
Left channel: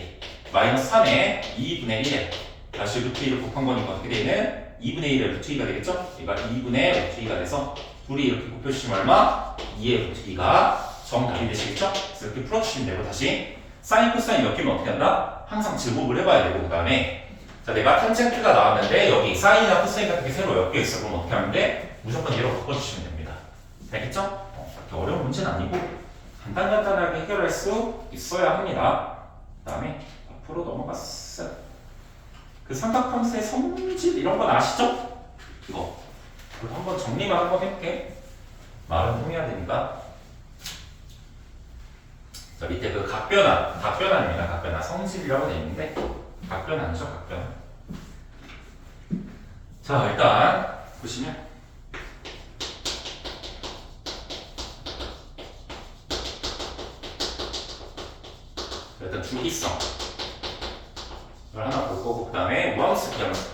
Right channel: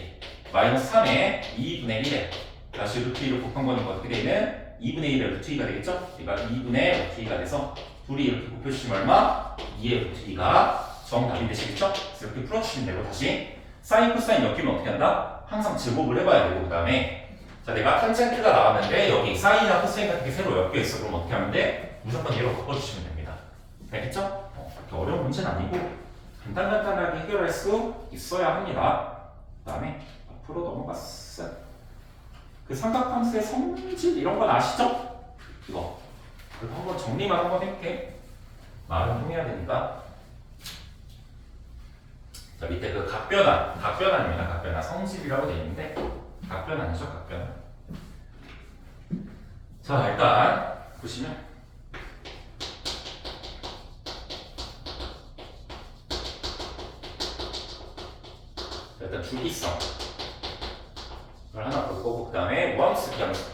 마이너스 3에 2분의 1에 다시 루트 2를 곱한 거니까 어떻게 되는 2분의 1에 루트 2가 되겠죠? 그러니까 2분의 루트 2가 돼서 둘이 이렇게 곱해주시면 얼마? 2의 루트 2가 정답이 되시겠죠? 그래서 이렇게 풀어주시면 되고 다시 사인 코사인 엮이면 어떻게 한다? 항상 제곱을 해봐야 되고 그 다음에 자 내가 탄젠트가 나왔는데 여기 사인이나 코사인 같은 게 새로 엮여있어. 그럼 어떻게 하면 돼? 무조건 얘로 바꿔주시면 됩니다. 알겠죠? 그렇게 어려운 문제는 아니고 간단하게 해결할 수 있어야 합니다. 그 다음에 앞으로 넘어갔어. 그 삼각함수의 성질 이런 건 아시죠? 이거 한번 정리만 한번 해볼게. 말은 통해야 되니까. 자 밑에 그 각변환입니다. 각변환 성질이라고 되어 있는데 각변환이죠. 각변환. 자 일단 보시면 일단 중기성 이걸 하나 볼 거고 그 다음에 우함수 기함수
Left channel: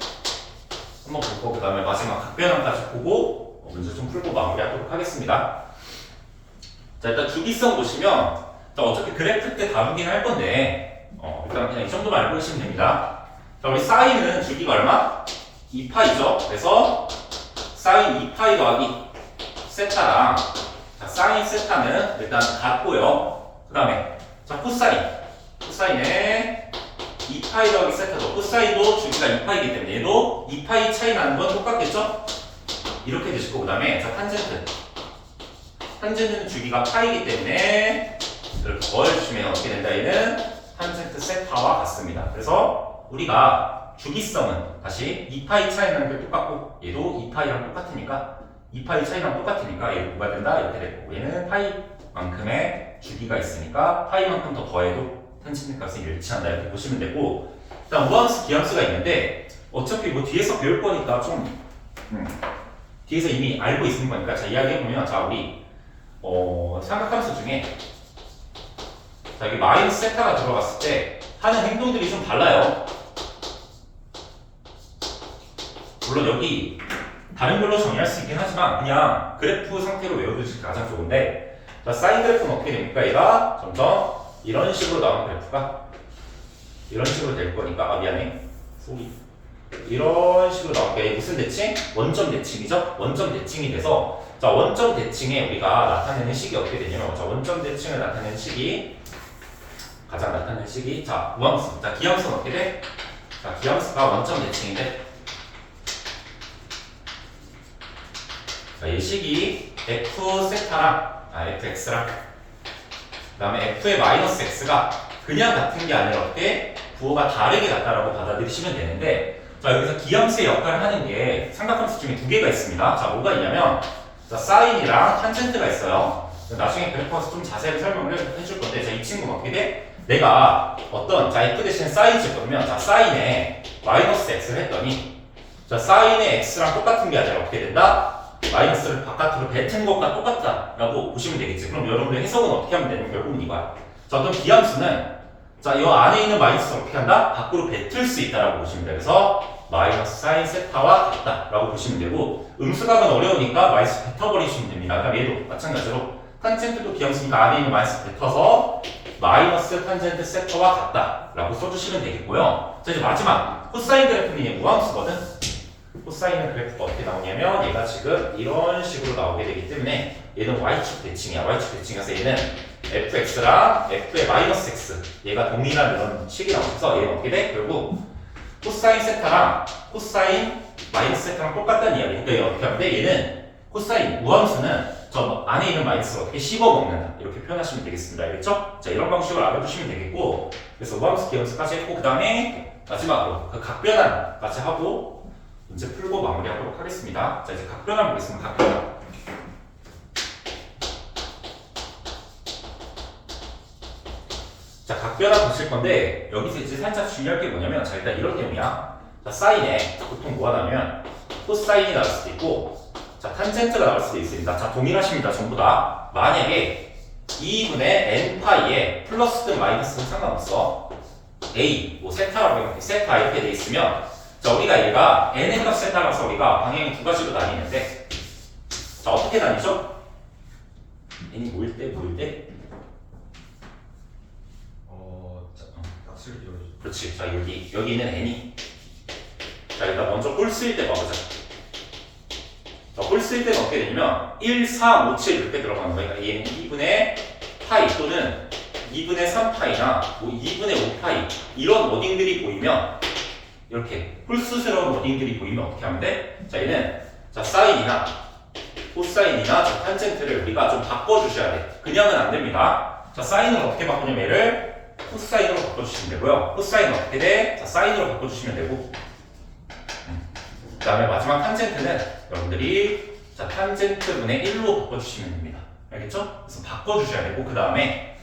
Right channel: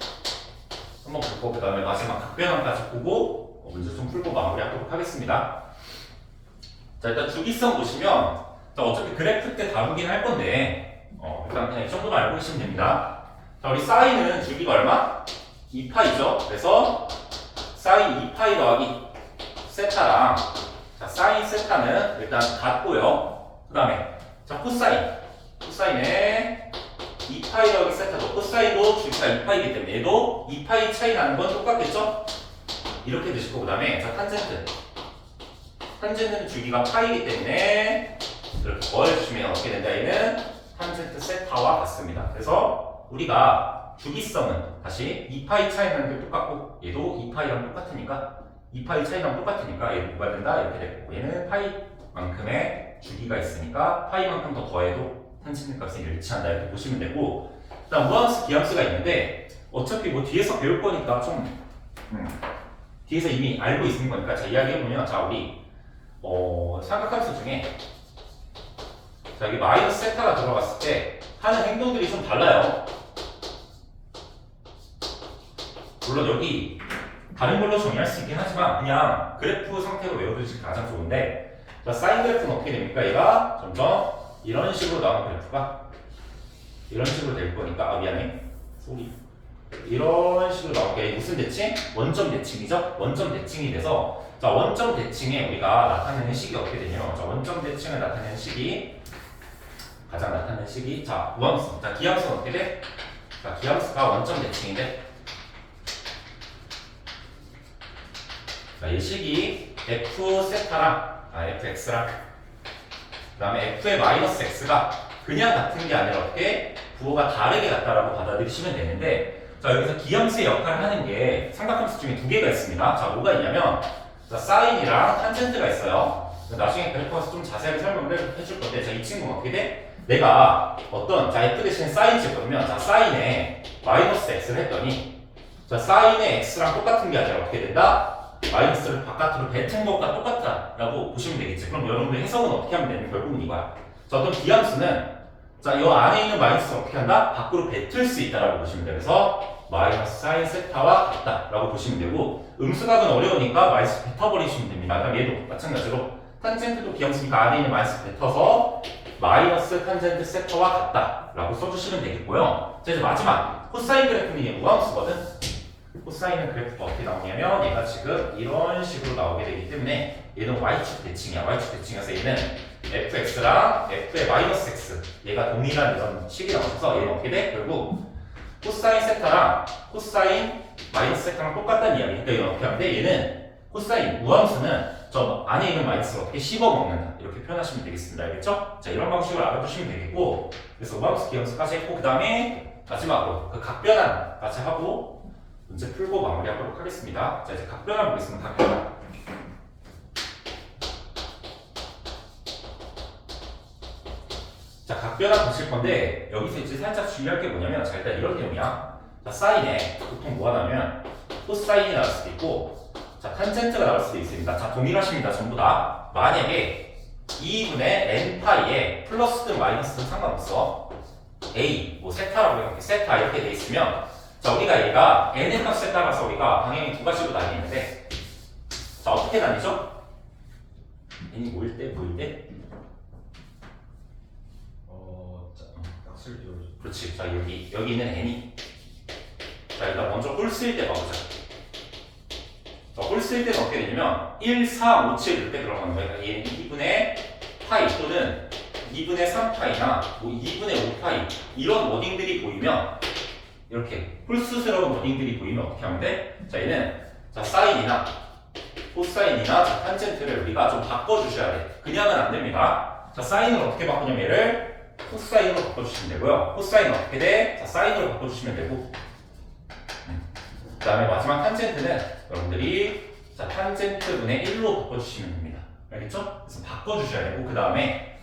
한번 보고 그 다음에 마지막 각변환까지 보고 문제 좀 풀고 마무리하도록 하겠습니다. 자, 일단 주기성 보시면 자, 어차피 그래프 때 다루긴 할 건데 일단 그냥 이 정도만 알고 계시면 됩니다. 자, 우리 사인은 주기가 얼마? 2파이죠. 그래서 사인 2파이 더하기 세타랑 자, 사인 세타는 일단 같고요. 그 다음에 자, 코사인에 2파이 더하기 세타도 코사인도 주기가 2파이기 때문에 얘도 2파이 차이 나는 건 똑같겠죠? 이렇게 되실 거고 그 다음에 자, 탄젠트는 주기가 파이기 때문에 이렇게 더해주시면 어떻게 된다? 얘는 탄젠트 세타와 같습니다. 그래서 우리가 주기성은 다시 2파이 차이 나는 게 똑같고 얘도 2파이랑 똑같으니까 2파이 차이랑 똑같으니까 얘는 뭐가 된다? 이렇게 되고 얘는 파이만큼의 주기가 있으니까 파이만큼 더 더해도 탄젠트 값이 일치한다 이렇게 보시면 되고 일단 무함수 기함수가 있는데 어차피 뭐 뒤에서 배울 거니까 좀 뒤에서 이미 알고 있는 거니까 자 이야기해보면 자 우리 삼각함수 중에 자 여기 마이너스 세타가 들어갔을 때 하는 행동들이 좀 달라요. 물론 여기 다른 걸로 정의할 수 있긴 하지만 그냥 그래프 상태로 외워두시기 가장 좋은데 자 사인 그래프는 어떻게 됩니까? 얘가 점점 이런 식으로 나오는 그래프가 이런 식으로 될 거니까 미안해 소리 이런 식으로 나오니까 이게 무슨 대칭? 원점 대칭이죠? 원점 대칭이 돼서 자 원점 대칭에 우리가 나타내는 식이 어떻게 되냐면 자 원점 대칭을 나타내는 식이 가장 나타내는 식이 자 무함수 자 기함수는 어떻게 돼? 자 기함수가 원점 대칭인데 자 이 식이 f 세타랑 fx랑 그 다음에 f의 마이너스 x가 그냥 같은 게 아니라 어떻게 부호가 다르게 같다라고 받아들이시면 되는데 자 여기서 기함수의 역할을 하는 게 삼각함수 중에 두 개가 있습니다. 자 뭐가 있냐면 자 사인이랑 탄젠트가 있어요. 나중에 그래프에서 좀 자세하게 설명을 해줄 건데 자 이 친구는 어떻게 돼? 내가 어떤 자 f 대신 사인 집어넣으면 자 사인에 마이너스 x를 했더니 자 사인의 x랑 똑같은 게 아니라 어떻게 된다? 마이너스를 바깥으로 뱉은 것과 똑같다라고 보시면 되겠지. 그럼 여러분의 해석은 어떻게 하면 되는 결국은 이거야. 자 어떤 기함수는 자 이 안에 있는 마이너스를 어떻게 한다? 밖으로 뱉을 수 있다라고 보시면 돼요. 그래서 마이너스 사인 세타와 같다라고 보시면 되고 음수각은 어려우니까 마이너스 뱉어버리시면 됩니다. 그럼 얘도 마찬가지로 탄젠트도 기함수니까 안에 있는 마이너스 뱉어서 마이너스 탄젠트 세타와 같다라고 써주시면 되겠고요. 자 이제 마지막 코사인 그래프는 무함수거든. 코사인의 그래프가 어떻게 나오냐면 얘가 지금 이런 식으로 나오게 되기 때문에 얘는 y축 대칭이야. y축 대칭이라서 얘는 fx랑 f의 마이너스 x 얘가 동일한 이런 식이 나와서 얘는 어떻게 돼? 결국 코사인 세타랑 코사인 마이너스 세타랑 똑같다는 이야기. 그러니까 얘는 어떻게 하면 돼? 얘는 코사인 무함수는 저 안에 있는 마이너스를 어떻게 씹어먹는다 이렇게 표현하시면 되겠습니다. 알겠죠? 자 이런 방식으로 알아두시면 되겠고 그래서 무함수 기함수까지 했고 그 다음에 마지막으로 그 각변환 같이 하고 문제 풀고 마무리하도록 하겠습니다. 자 이제 각변환 보겠습니다. 각변환. 자 각변환 보실 건데 여기서 이제 살짝 중요할 게 뭐냐면 자 일단 이런 내용이야. 자 사인에 보통 뭐가 나오면 코사인이 나올 수도 있고 자 탄젠트가 나올 수도 있습니다. 자 동일하십니다. 전부 다. 만약에 2분의 n파이에 플러스든 마이너스든 상관없어. a 뭐 세타라고 해볼게. 세타 이렇게 돼 있으면 자 우리가 얘가 n의 값에 따라서 우리가 방향이 두 가지로 나뉘는데 자 어떻게 나뉘죠? n이 뭐일 때? 그렇지. 자 여기 있는 n이 자 일단 먼저 꼴 쓰일 때 봐보자. 자 꼴 쓰일 때는 어떻게 되냐면 1, 4, 5, 7 이렇게 들어가는 거야. 그러니까 얘는 2분의 파이 또는 2분의 3파이나 뭐 2분의 5파이 이런 워딩들이 보이면 이렇게 홀수스러운 워딩들이 보이면 어떻게 하면 돼? 자 얘는 자 사인이나 코사인이나 자 탄젠트를 우리가 좀 바꿔주셔야 돼. 그냥은 안 됩니다. 자 사인을 어떻게 바꾸냐면 얘를 코사인으로 바꿔주시면 되고요. 코사인은 어떻게 돼? 자 사인으로 바꿔주시면 되고 그 다음에 마지막 탄젠트는 여러분들이 자 탄젠트 분의 1로 바꿔주시면 됩니다. 알겠죠? 그래서 바꿔주셔야 되고 그 다음에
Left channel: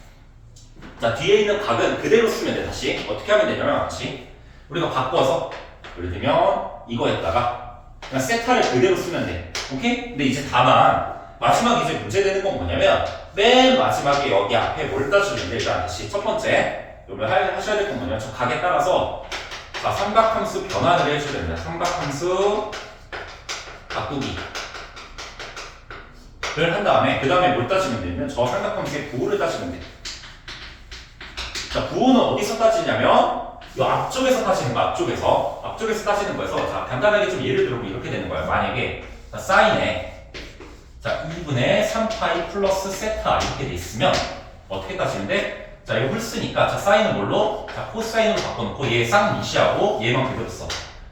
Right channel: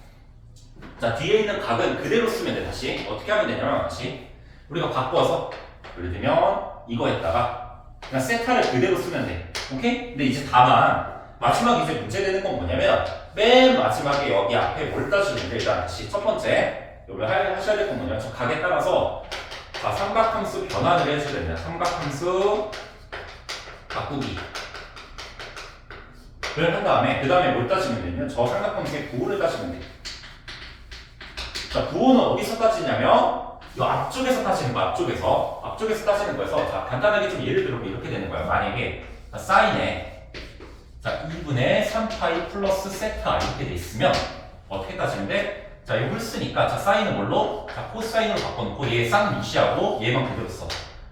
자 뒤에 있는 각은 그대로 쓰면 돼. 다시 어떻게 하면 되냐면 같이 우리가 바꿔서 예를 들면 이거에다가 그냥 세타를 그대로 쓰면 돼. 오케이? 근데 이제 다만 마지막 이제 문제되는 건 뭐냐면 맨 마지막에 여기 앞에 뭘 따주는데 일단 다시 첫 번째 여러분 하셔야 될 건 뭐냐면 저 각에 따라서 자, 삼각함수 변환을 해줘야 됩니다. 삼각함수 바꾸기 를 한 다음에 그 다음에 뭘 따지면 되냐면 저 삼각함수의 부호를 따지면 돼요. 자, 부호는 어디서 따지냐면 이 앞쪽에서 따지는 거, 앞쪽에서 따지는 거여서 자, 간단하게 좀 예를 들어보면 이렇게 되는 거예요. 만약에 자, 사인에 자, 2분의 3파이 플러스 세타 이렇게 돼 있으면 어떻게 따지는데 자, 이거 홀수니까 자, 사인은 뭘로? 자, 코사인으로 바꿔놓고 얘 쌍무시하고 얘만 그대로 써.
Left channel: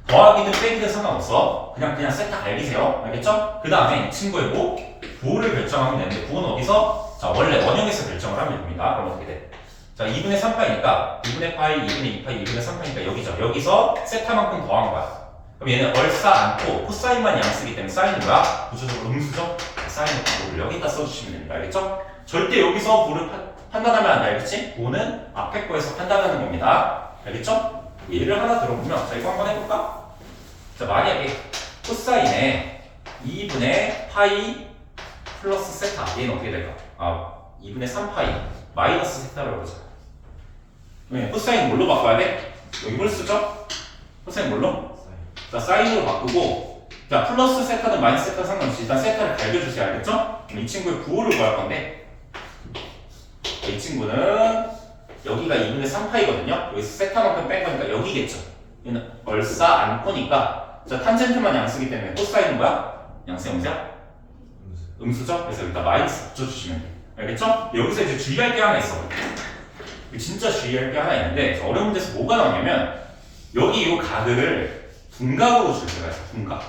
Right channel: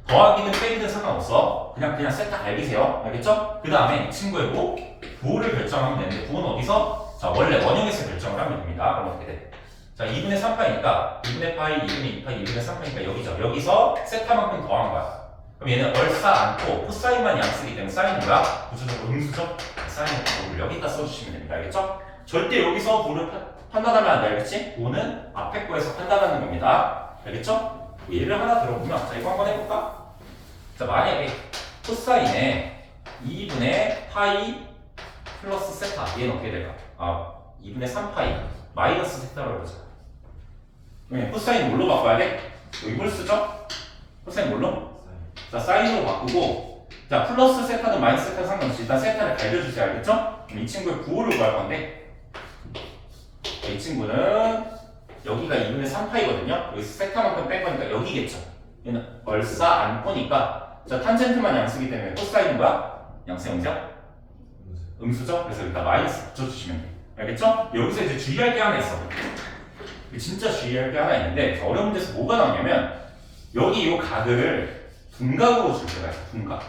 더하기든 빼기든 상관없어. 그냥 세타 갈기세요. 알겠죠? 그 다음에 이 친구의 부호를 결정하면 되는데 부호는 어디서? 자, 원래 원형에서 결정을 하면 됩니다. 그럼 어떻게 돼? 자, 2분의 3파이니까 2분의 파이, 2분의 2파이, 2분의 3파이니까 여기죠. 여기서 세타만큼 더한 거야. 그럼 얘는 얼싸 않고 코사인만 양 쓰기 때문에 사인은 뭐야? 구조적으로 음수죠? 사인의 부호를 여기다 써주시면 됩니다. 알겠죠? 절대 여기서 부호를 판단하면 안 돼. 알겠지? 부호는 앞에 거에서 판단하는 겁니다. 알겠죠? 예를 하나 들어보면 자, 이거 한번 해볼까? 자, 만약에 코사인에 2분의 파이 플러스 세타 얘는 어떻게 될까? 2분의 3파이 마이너스 세타라고 그러죠. 네, 코사인 뭘로 바꿔야 돼? 여기 뭘 쓰죠? 코사인 뭘로? 자, 사인으로 바꾸고 자, 플러스 세타든 마이너스 세타 상관없이 일단 세타를 갈겨주세요. 알겠죠? 이 친구의 부호를 구할 건데 이 친구는 여기가 2분의 3파이거든요. 여기서 세타만큼 뺀 거니까 여기겠죠. 얘는 얼싸 안고니까 자, 탄젠트만 양 쓰기 때문에 코사인은 뭐야? 양수형이죠? 음수죠? 그래서 일단 마이너스 붙여주시면 돼요. 알겠죠? 여기서 이제 주의할 게 하나 있어. 진짜 주의할 게 하나 있는데 어려운 문제에서 뭐가 나오냐면 여기 이 각을 분각으로 줄 때가 있어. 분각.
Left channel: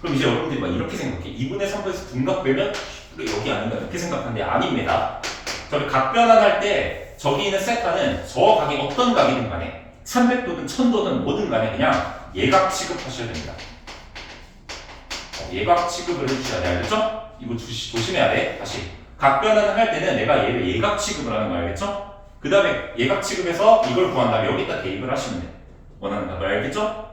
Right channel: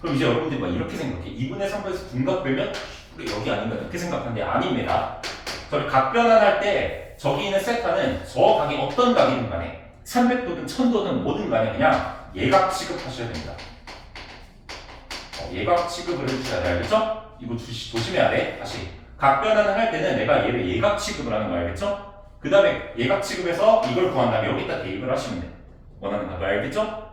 그럼 이제 여러분들이 막 이렇게 생각해. 2분의 3에서 분각 빼면 여기 아닌가 이렇게 생각하는데 아닙니다. 저희 각 변환할 때 저기 있는 세타는 저 각이 어떤 각이든 간에 300도든 1000도든 뭐든 간에 그냥 예각 취급하셔야 됩니다. 예각 취급을 해주셔야 돼. 알겠죠? 이거 조심해야 돼. 다시 각 변환을 할 때는 내가 얘를 예각 취급을 하는 거야. 알겠죠? 그 다음에 예각 취급해서 이걸 구한 다음에 여기다 대입을 하시면 돼. 원하는 값을. 알겠죠?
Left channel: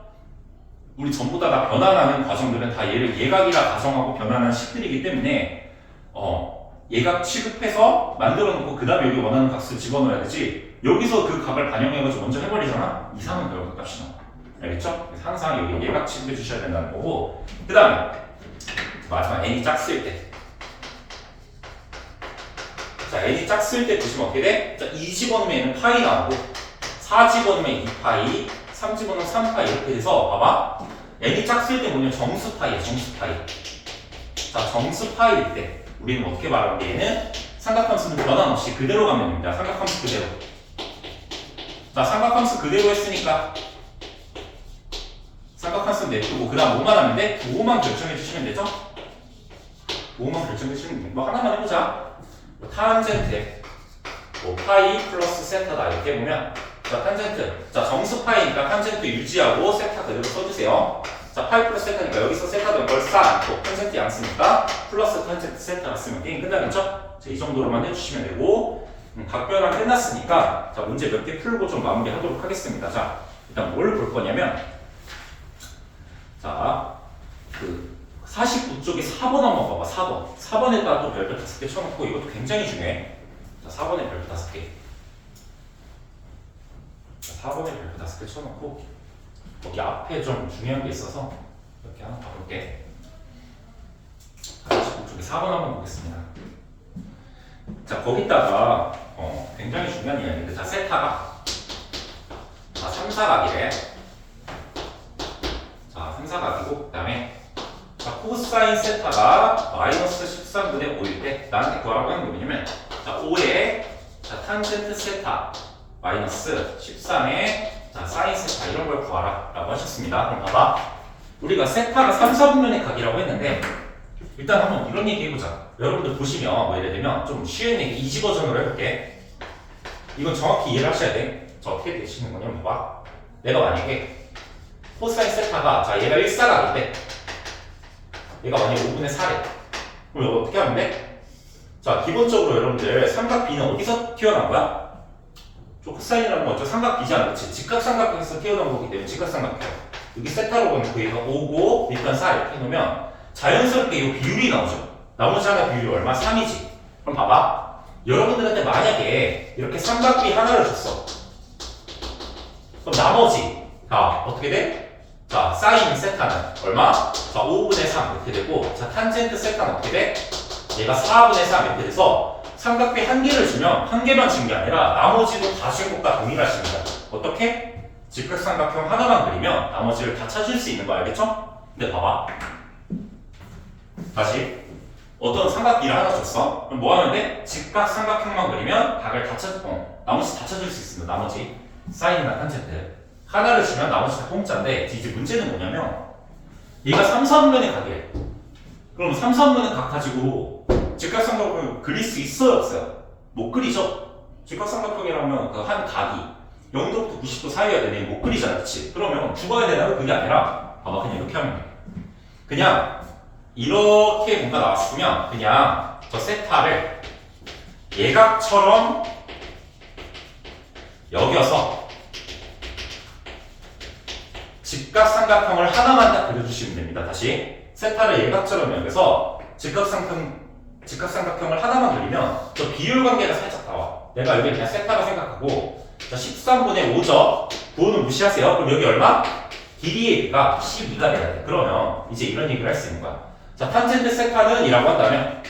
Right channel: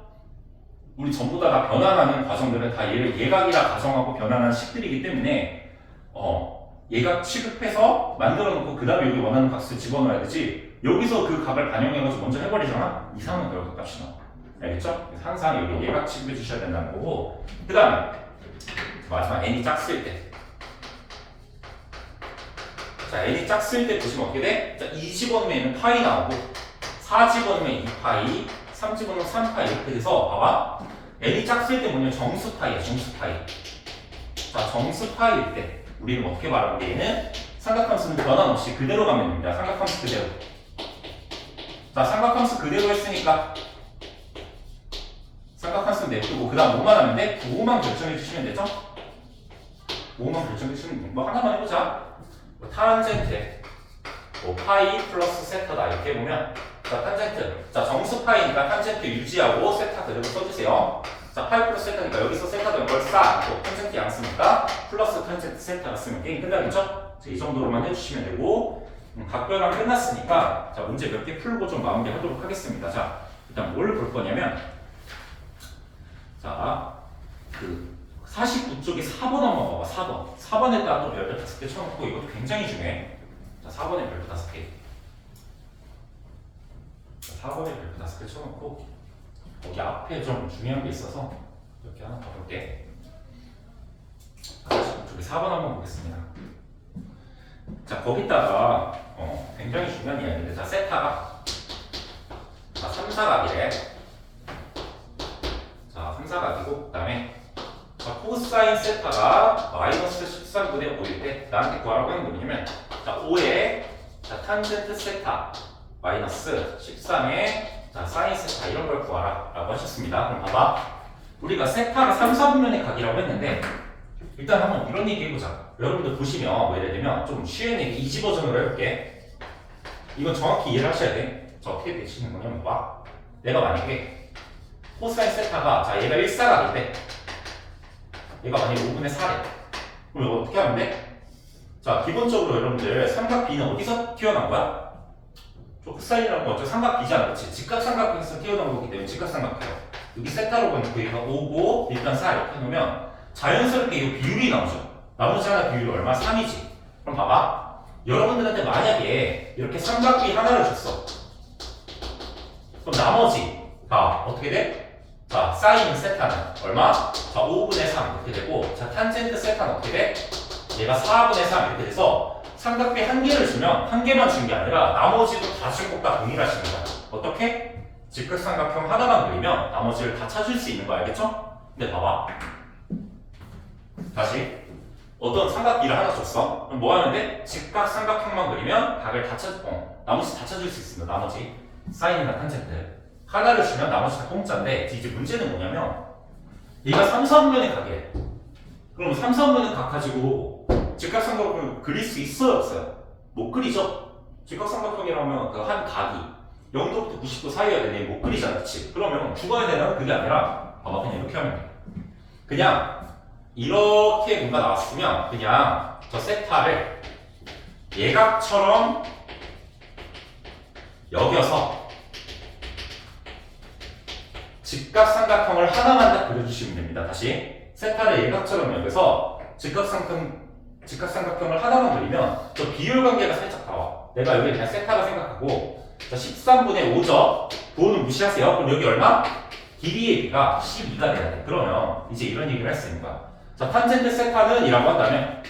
우리 전부 다 변환하는 과정들은 다 얘를 예각이라 가정하고 변환한 식들이기 때문에 예각 취급해서 만들어 놓고 그 다음에 여기 원하는 값을 집어넣어야 되지 여기서 그 값을 반영해가지고 먼저 해버리잖아? 이상한 결과값이 나와. 알겠죠? 그래서 항상 여기 예각 취급해 주셔야 된다는 거고 그 다음에 마지막 n이 짝쓸 때 자, n이 짝쓸 때 보시면 어떻게 돼? 자, 2 집어넣으면 얘는 파이 나오고 4 집어넣으면 2파이 3 집어넣으면 3파이 이렇게 돼서 봐봐 n이 짝쓸 때 뭐냐면 정수파이야. 정수파이. 자, 정수파이일 때 우리는 어떻게 말하는 게 얘는 삼각함수는 변환 없이 그대로 가면 됩니다. 삼각함수 그대로. 자, 삼각함수 그대로 했으니까 삼각함수 냅두고 그 다음 뭐만 하면 돼? 부호만 결정해 주시면 되죠? 부호만 결정해 주시면 돼. 뭐 하나만 해보자. 뭐 탄젠트 뭐 파이 플러스 세타다 이렇게 보면 자, 탄젠트 자, 정수 파이니까 탄젠트 유지하고 세타 그대로 써주세요. 자, 파이 플러스 세타니까 여기서 세타도 걸 쌓고 탄젠트 양 쓰니까 플러스 탄젠트 세타가 쓰면 게임 끝나겠죠? 자, 이 정도로만 해주시면 되고 각 변환 끝났으니까 자, 문제 몇 개 풀고 좀 마무리하도록 하겠습니다. 자, 일단 뭘 볼 거냐면 자, 그 49쪽에 4번 한번 봐봐. 4번. 4번에다 또 별표 5개 쳐놓고 이것도 굉장히 중요해. 자, 4번에 별표 5개. 자, 4번에 별표 5개 쳐놓고 거기 앞에 좀 중요한 게 있어서 이렇게 하나 봐볼게. 49쪽에 4번 한번 보겠습니다. 자, 거기다가 굉장히 중요한 이야기인데 자, 세타가 자, 3사각이래. 자, 3사각이고 그 다음에 자, 코사인 세타가 마이너스 13분의 5일 때 나한테 구하라고 하는 거 뭐냐면 자, 5에 자, 탄젠트 세타 마이너스 13에 자, 사인 세타 이런 걸 구하라 라고 하셨습니다. 그럼 봐봐. 우리가 세타가 3, 4분면의 각이라고 했는데 일단 한번 이런 얘기 해보자. 여러분들 보시면 뭐 예를 들면 좀 쉬운 얘기 이지 버전으로 해볼게. 이건 정확히 이해를 하셔야 돼. 자, 어떻게 되시는 거냐면 봐봐. 내가 만약에 코사인 세타가 자, 얘가 1사각일 때 얘가 만약에 5분의 4래. 그럼 이거 어떻게 하면 돼? 자, 기본적으로 여러분들 삼각 B는 어디서 튀어나온 거야? 저 코사인이라는 건 저 삼각 B잖아. 그치? 직각삼각형에서 튀어나온 거기 때문에 직각삼각형. 여기 세타로 보면 얘가 5고 일단 4 이렇게 해놓으면 자연스럽게 이 비율이 나오죠. 나머지 하나 비율이 얼마? 3이지. 그럼 봐봐. 여러분들한테 만약에 이렇게 삼각 B 하나를 줬어. 그럼 나머지가 어떻게 돼? 자, 사인 세타는 얼마? 자, 5분의 3 이렇게 되고, 자, 탄젠트 세타는 어떻게 돼? 얘가 4분의 3 이렇게 돼서 삼각비 한 개를 주면 한 개만 준 게 아니라 나머지도 다 준 것과 동일하십니다. 어떻게? 직각삼각형 하나만 그리면 나머지를 다 찾을 수 있는 거 알겠죠? 근데 봐봐. 다시 어떤 삼각비를 하나 줬어. 그럼 뭐 하면 돼? 직각삼각형만 그리면 각을 다 나머지 다 찾을 수 있습니다. 나머지 사인이나 탄젠트 하나를 주면 나머지 다 공짜인데 이제 문제는 뭐냐면 얘가 3, 4분면의 각이래. 그럼 3, 4분면의 각 가지고 직각삼각형을 그릴 수 있어요? 없어요? 못 그리죠? 직각삼각형이라면 그 한 각이 0도부터 90도 사이여야 되네. 못 그리잖아, 그치? 그러면 죽어야 되나? 그게 아니라 봐봐, 그냥 이렇게 하면 돼. 그냥 이렇게 뭔가 나왔으면 그냥 저 세타를 예각처럼 여겨서 직각삼각형을 하나만 딱 그려주시면 됩니다. 다시 세타를 예각처럼 여겨서 직각삼각형을 하나만 그리면 저 비율 관계가 살짝 나와. 내가 여기 그냥 세타라 생각하고 자 13분의 5죠. 9는 무시하세요. 그럼 여기 얼마? 길이의 비가 12가 돼야 돼. 그러면 이제 이런 얘기를 할 수 있는 거야. 자, 탄젠트 세타는 이라고 한다면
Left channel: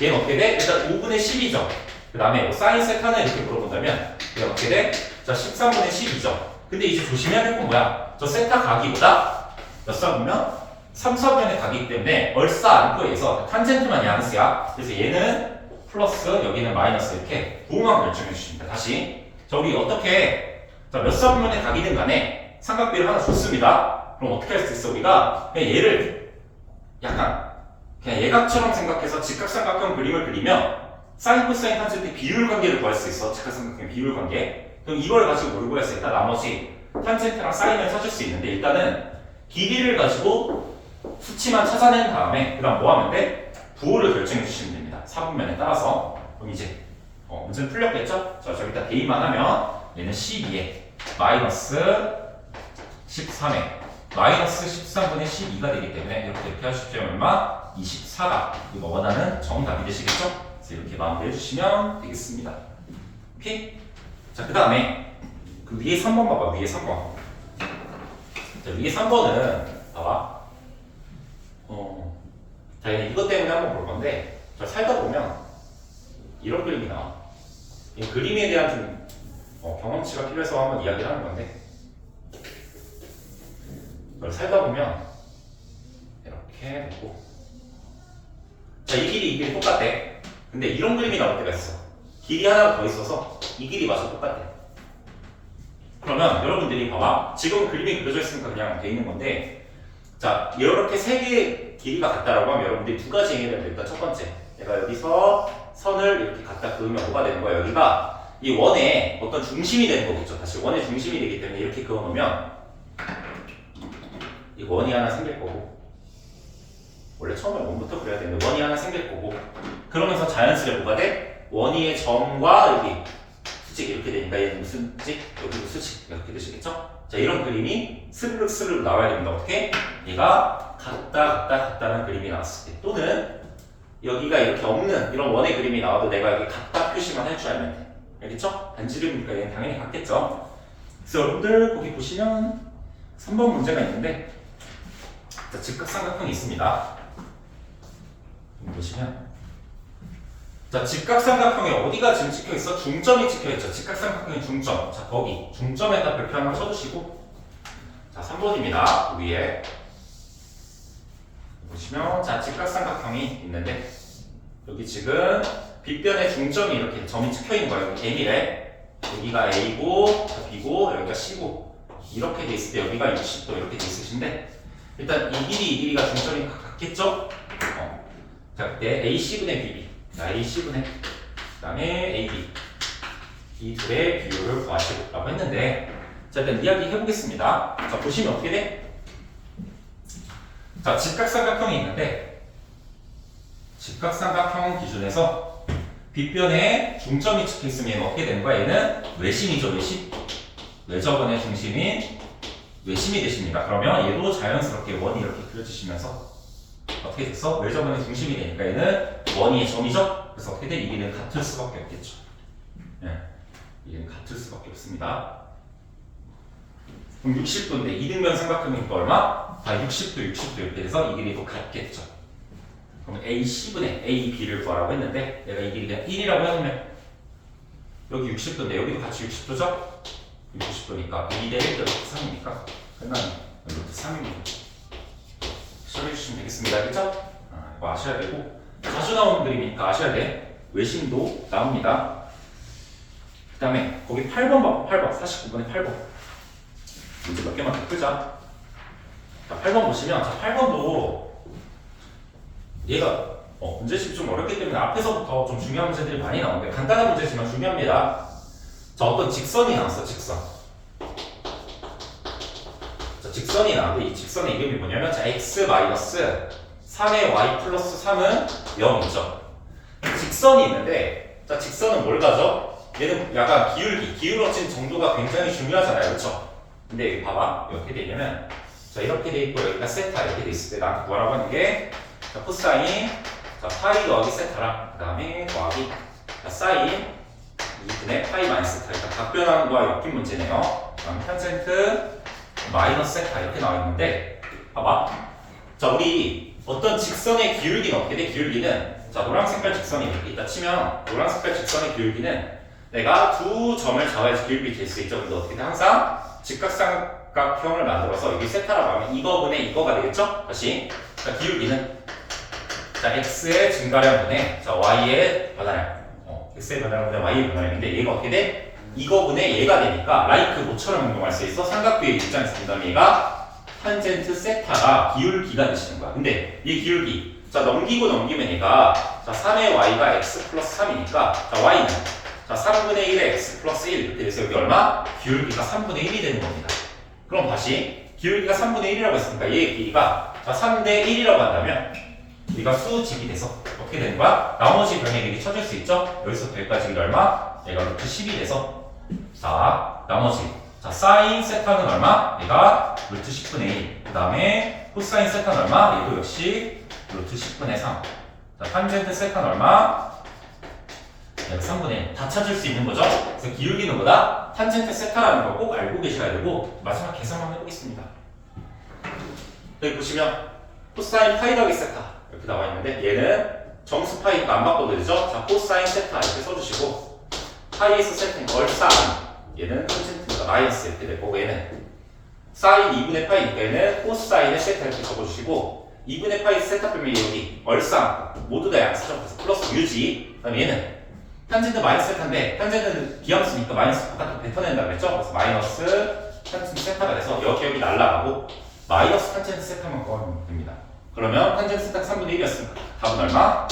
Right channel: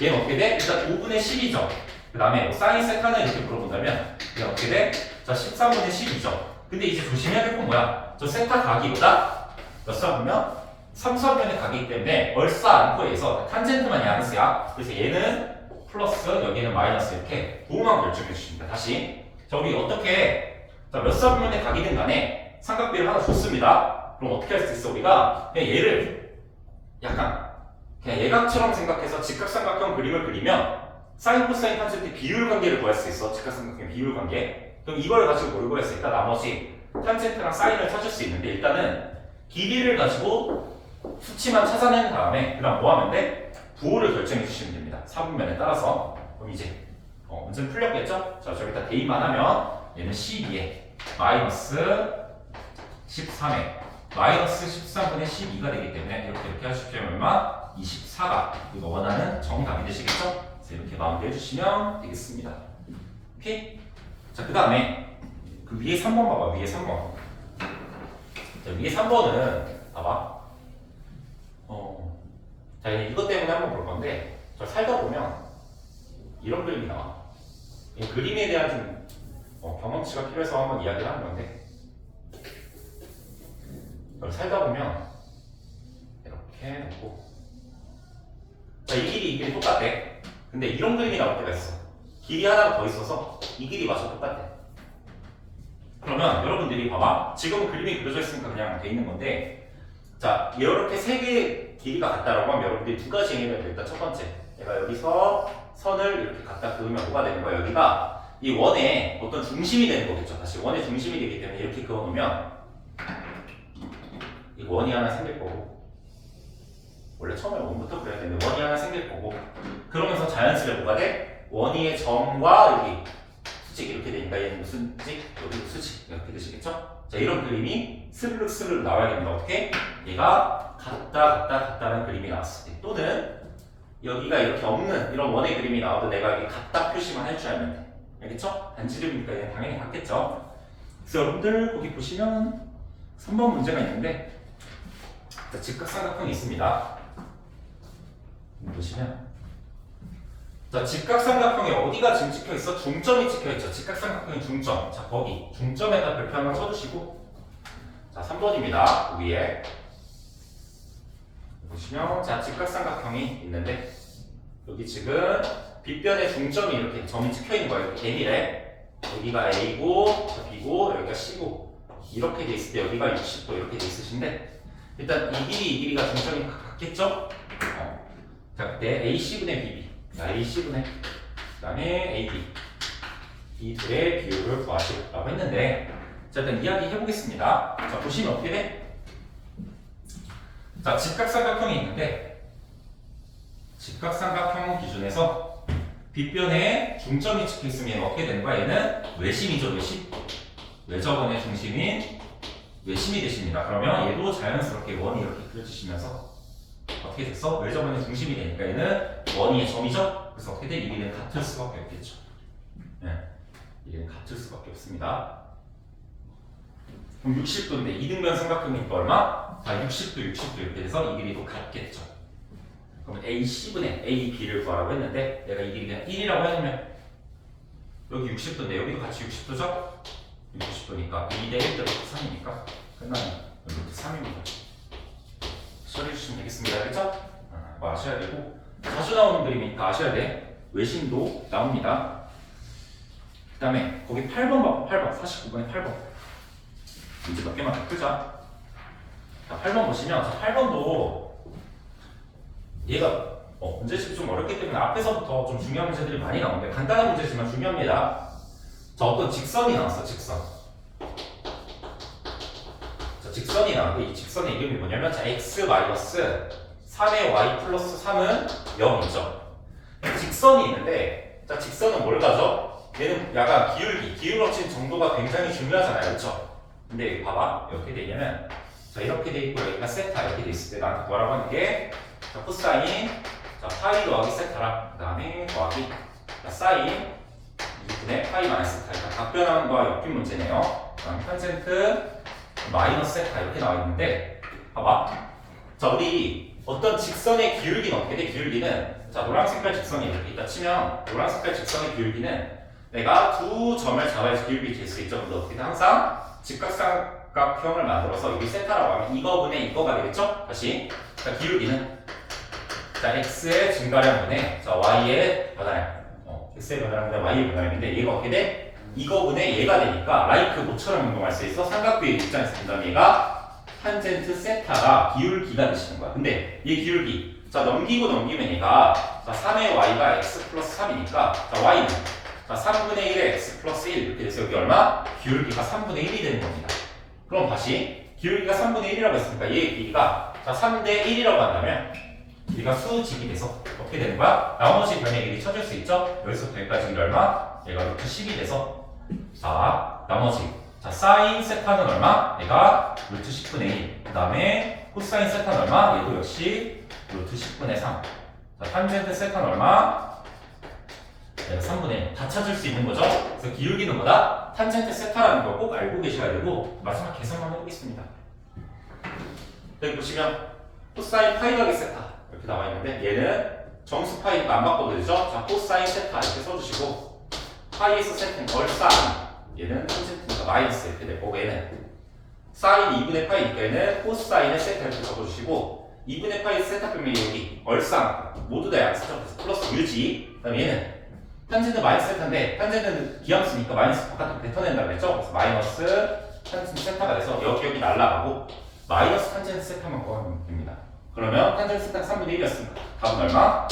얘는 어떻게 돼? 일단 5분의 10이죠. 그 다음에 사인 세타는 이렇게 물어본다면 얘는 어떻게 돼? 자, 13분의 10이죠. 근데 이제 조심해야 될 건 뭐야? 저 세타 각이보다 몇 사 보면 3, 4분의 각이기 때문에 얼싸 않고 해서 탄젠트만 양수야. 그래서 얘는 플러스 여기는 마이너스 이렇게 부호만 결정해 주십니다. 다시 자, 우리 어떻게 자, 몇 사분면의 각이든 간에 삼각비를 하나 줬습니다. 그럼 어떻게 할 수 있어? 우리가 그냥 얘를 약간 그냥 예각처럼 생각해서 직각삼각형 그림을 그리면 사인, 코사인, 탄젠트 비율 관계를 구할 수 있어. 직각삼각형 비율 관계. 그럼 이걸 가지고 뭘 구할 수 있다? 나머지 탄젠트랑 사인을 찾을 수 있는데 일단은 길이를 가지고 수치만 찾아낸 다음에 그다음 뭐 하면 돼? 부호를 결정해 주시면 됩니다. 사분면에 따라서. 그럼 이제 문제는 풀렸겠죠? 자, 저기다 대입만 하면 얘는 12에 마이너스 13에 마이너스 13분의 12가 되기 때문에 이렇게 하십시오. 얼마? 24가 이거 원하는 정답이 되시겠죠? 그래서 이렇게 마무리해 주시면 되겠습니다. 오케이? 자, 그 다음에 그 위에 3번 봐봐. 위에 3번. 자, 위에 3번은 봐봐. 자, 이것 때문에 한번 볼 건데 자, 살다 보면 이런 그림이 나와. 이 그림에 대한 좀 경험치가 필요해서 한번 이야기를 하는 건데 살다 보면 이렇게 놓고 자, 이 길이 똑같대. 근데 이런 그림이 나올 때가 있어. 길이 하나가 더 있어서 이 길이마저 똑같대. 그러면 여러분들이 봐봐. 지금 그림이 그려져 있으니까 그냥 돼 있는 건데 자, 이렇게 세 개의 길이가 같다라고 하면 여러분들이 두 가지 얘기를 해야 일단 첫 번째 내가 여기서 선을 이렇게 갖다 그으면 뭐가 되는 거야? 여기가 이 원의 어떤 중심이 되는 거겠죠. 다시 원의 중심이 되기 때문에 이렇게 그어놓으면 이 원이 하나 생길 거고 원래 처음에 원부터 그려야 되는데 원이 하나 생길 거고 그러면서 자연스레 뭐가 돼? 원위의 점과 여기 수직 이렇게 되니까 얘는 무슨 직? 여기도 수직 이렇게 되시겠죠? 자, 이런 그림이 스르륵 나와야 됩니다. 어떻게? 얘가 같다는 그림이 나왔을 때 또는 여기가 이렇게 없는 이런 원의 그림이 나와도 내가 여기 같다 표시만 할 줄 알면 돼. 알겠죠? 반지를 보니까 얘는 당연히 같겠죠? 그래서 여러분들 거기 보시면 3번 문제가 있는데 자, 직각삼각형이 있습니다. 보시면 자, 직각삼각형에 어디가 지금 찍혀있어? 중점이 찍혀있죠. 직각삼각형의 중점. 자, 거기 중점에다 별표 하나 쳐두시고 자, 3번입니다. 위에 보시면 자, 직각삼각형이 있는데 여기 지금 빗변의 중점이 이렇게 점이 찍혀있는 거예요. 여기 M이래. 여기가 A고 자, B고 여기가 C고 이렇게 돼 있을 때 여기가 60도 이렇게 돼 있으신데 일단 이 길이가 중점이 같겠죠? 자, 그때 AC분의 BB AC분의 그 다음에 AB 이 둘의 비율을 구하시라고 했는데 자, 일단 이야기 해보겠습니다. 자, 보시면 어떻게 돼? 자, 직각삼각형이 있는데 직각삼각형 기준에서 빗변에 중점이 찍혀 있으면 어떻게 되는 거야? 얘는 외심이죠. 외심. 외접원의 중심인 외심이 되십니다. 그러면 얘도 자연스럽게 원이 이렇게 그려지시면서 어떻게 됐어? 외접원의 중심이 되니까 얘는 원위의 점이죠? 그래서 어떻게 돼? 이 길이는 같을 수밖에 없겠죠. 네. 이 길이는 같을 수밖에 없습니다. 그럼 60도인데 이등변 삼각형이니까 얼마? 60도, 60도 이렇게 돼서 이 길이도 같겠죠. 그럼 AC분의 AB를 구하라고 했는데 내가 이 길이가 1이라고 해놓으면 여기 60도인데 여기도 같이 60도죠? 60도니까 2대 1 더하기 3이니까 끝나면 루트 3입니다. 처리해주시면 되겠습니다. 그쵸? 이거 아셔야 되고 자주 나오는 그림이니까 아셔야 돼. 외심도 나옵니다. 그 다음에 거기 8번 봐. 8번 49번에 8번 문제 몇 개만 더 풀자. 자, 8번 보시면 자 8번도 얘가 문제집이 좀 어렵기 때문에 앞에서부터 좀 중요한 문제들이 많이 나오는데 간단한 문제지만 중요합니다. 자 어떤 직선이 나왔어. 직선. 자 직선이 나왔는데 이 직선의 이름이 뭐냐면 자 x 3의 y 플러스 3은 0이죠. 직선이 있는데 자 직선은 뭘 가져? 얘는 약간 기울어진 정도가 굉장히 중요하잖아요. 그렇죠? 근데 봐봐 이렇게 되려면 자 이렇게 돼 있고 여기가 세타 이렇게 돼 있을 때 나한테 뭐라고 하는 게 자 코사인 자 파이 더하기 세타랑 그 다음에 더하기 자 사인 2분의 파이 마이너스 세타 그러니까 각변하는 거와 엮인 문제네요. 그다음 탄젠트 마이너스 세타 이렇게 나와 있는데 봐봐 자 우리 어떤 직선의 기울기는 어떻게 돼? 기울기는 자 노란 색깔 직선이 이렇게 있다 치면 노란 색깔 직선의 기울기는 내가 두 점을 잡아야지 기울기 될 수 있죠. 근데 어떻게 돼? 항상 직각삼각형을 만들어서 여기 세타라고 하면 이거분의 이거가 되겠죠? 다시 자 기울기는 자 x의 증가량분의 자 y의 변화량 x의 변화량분의 y의 변화량인데 얘가 어떻게 돼? 이거분의 얘가 되니까 라이크 모처럼 행동할 수 있어. 삼각비의 입장에서 본다면 얘가 탄젠트 세타가 기울기가 되시는 거야. 근데 이 기울기 자 넘기면 얘가 자 3의 y가 x 플러스 3이니까 자 y는 자 3분의 1의 x 플러스 1 이렇게 돼서 여기 얼마? 기울기가 3분의 1이 되는 겁니다. 그럼 다시 기울기가 3분의 1이라고 했으니까 얘의 길이가 자 3대 1이라고 한다면 우리가 수직이 돼서 어떻게 되는 거야? 나머지 변의 길이 찾을 수 있죠? 여기서부터 여기까지 길이 얼마? 얘가 루트 10이 돼서 자 나머지 자 사인 세타는 얼마? 얘가 루트 10분의 1. 그 다음에 코사인 세타는 얼마? 얘도 역시 루트 10분의 3. 자 탄젠트 세타는 얼마? 얘가 3분의 1. 다 찾을 수 있는 거죠? 그래서 기울기는 뭐다? 탄젠트 세타라는 걸 꼭 알고 계셔야 되고 마지막 계산만 해보겠습니다. 여기 보시면 코사인 파이 더하기 세타 이렇게 나와 있는데 얘는 정수 파이가 안 바꿔도 되죠? 자 코사인 세타 이렇게 써주시고 파이에서 세타인 얼싸 얘는 탄젠트니까 마이너스 이렇게 될 거고 얘는 사인 2분의 파이니까 얘는 코사인의 세타 이렇게 적어주시고 2분의 파이 세타 빼면 여기 얼싸 모두 다 양수죠. 그래서 플러스 유지 그 다음에 얘는 탄젠트 마이너스 세타인데 탄젠트는 비함수니까 마이너스 바깥으로 뱉어낸다고 했죠? 그래서 마이너스 탄젠트 세타가 돼서 여기 날라가고 마이너스 탄젠트 세타만 구하면 됩니다. 그러면 탄젠트 세타가 3분의 1이었으니까 답은 얼마?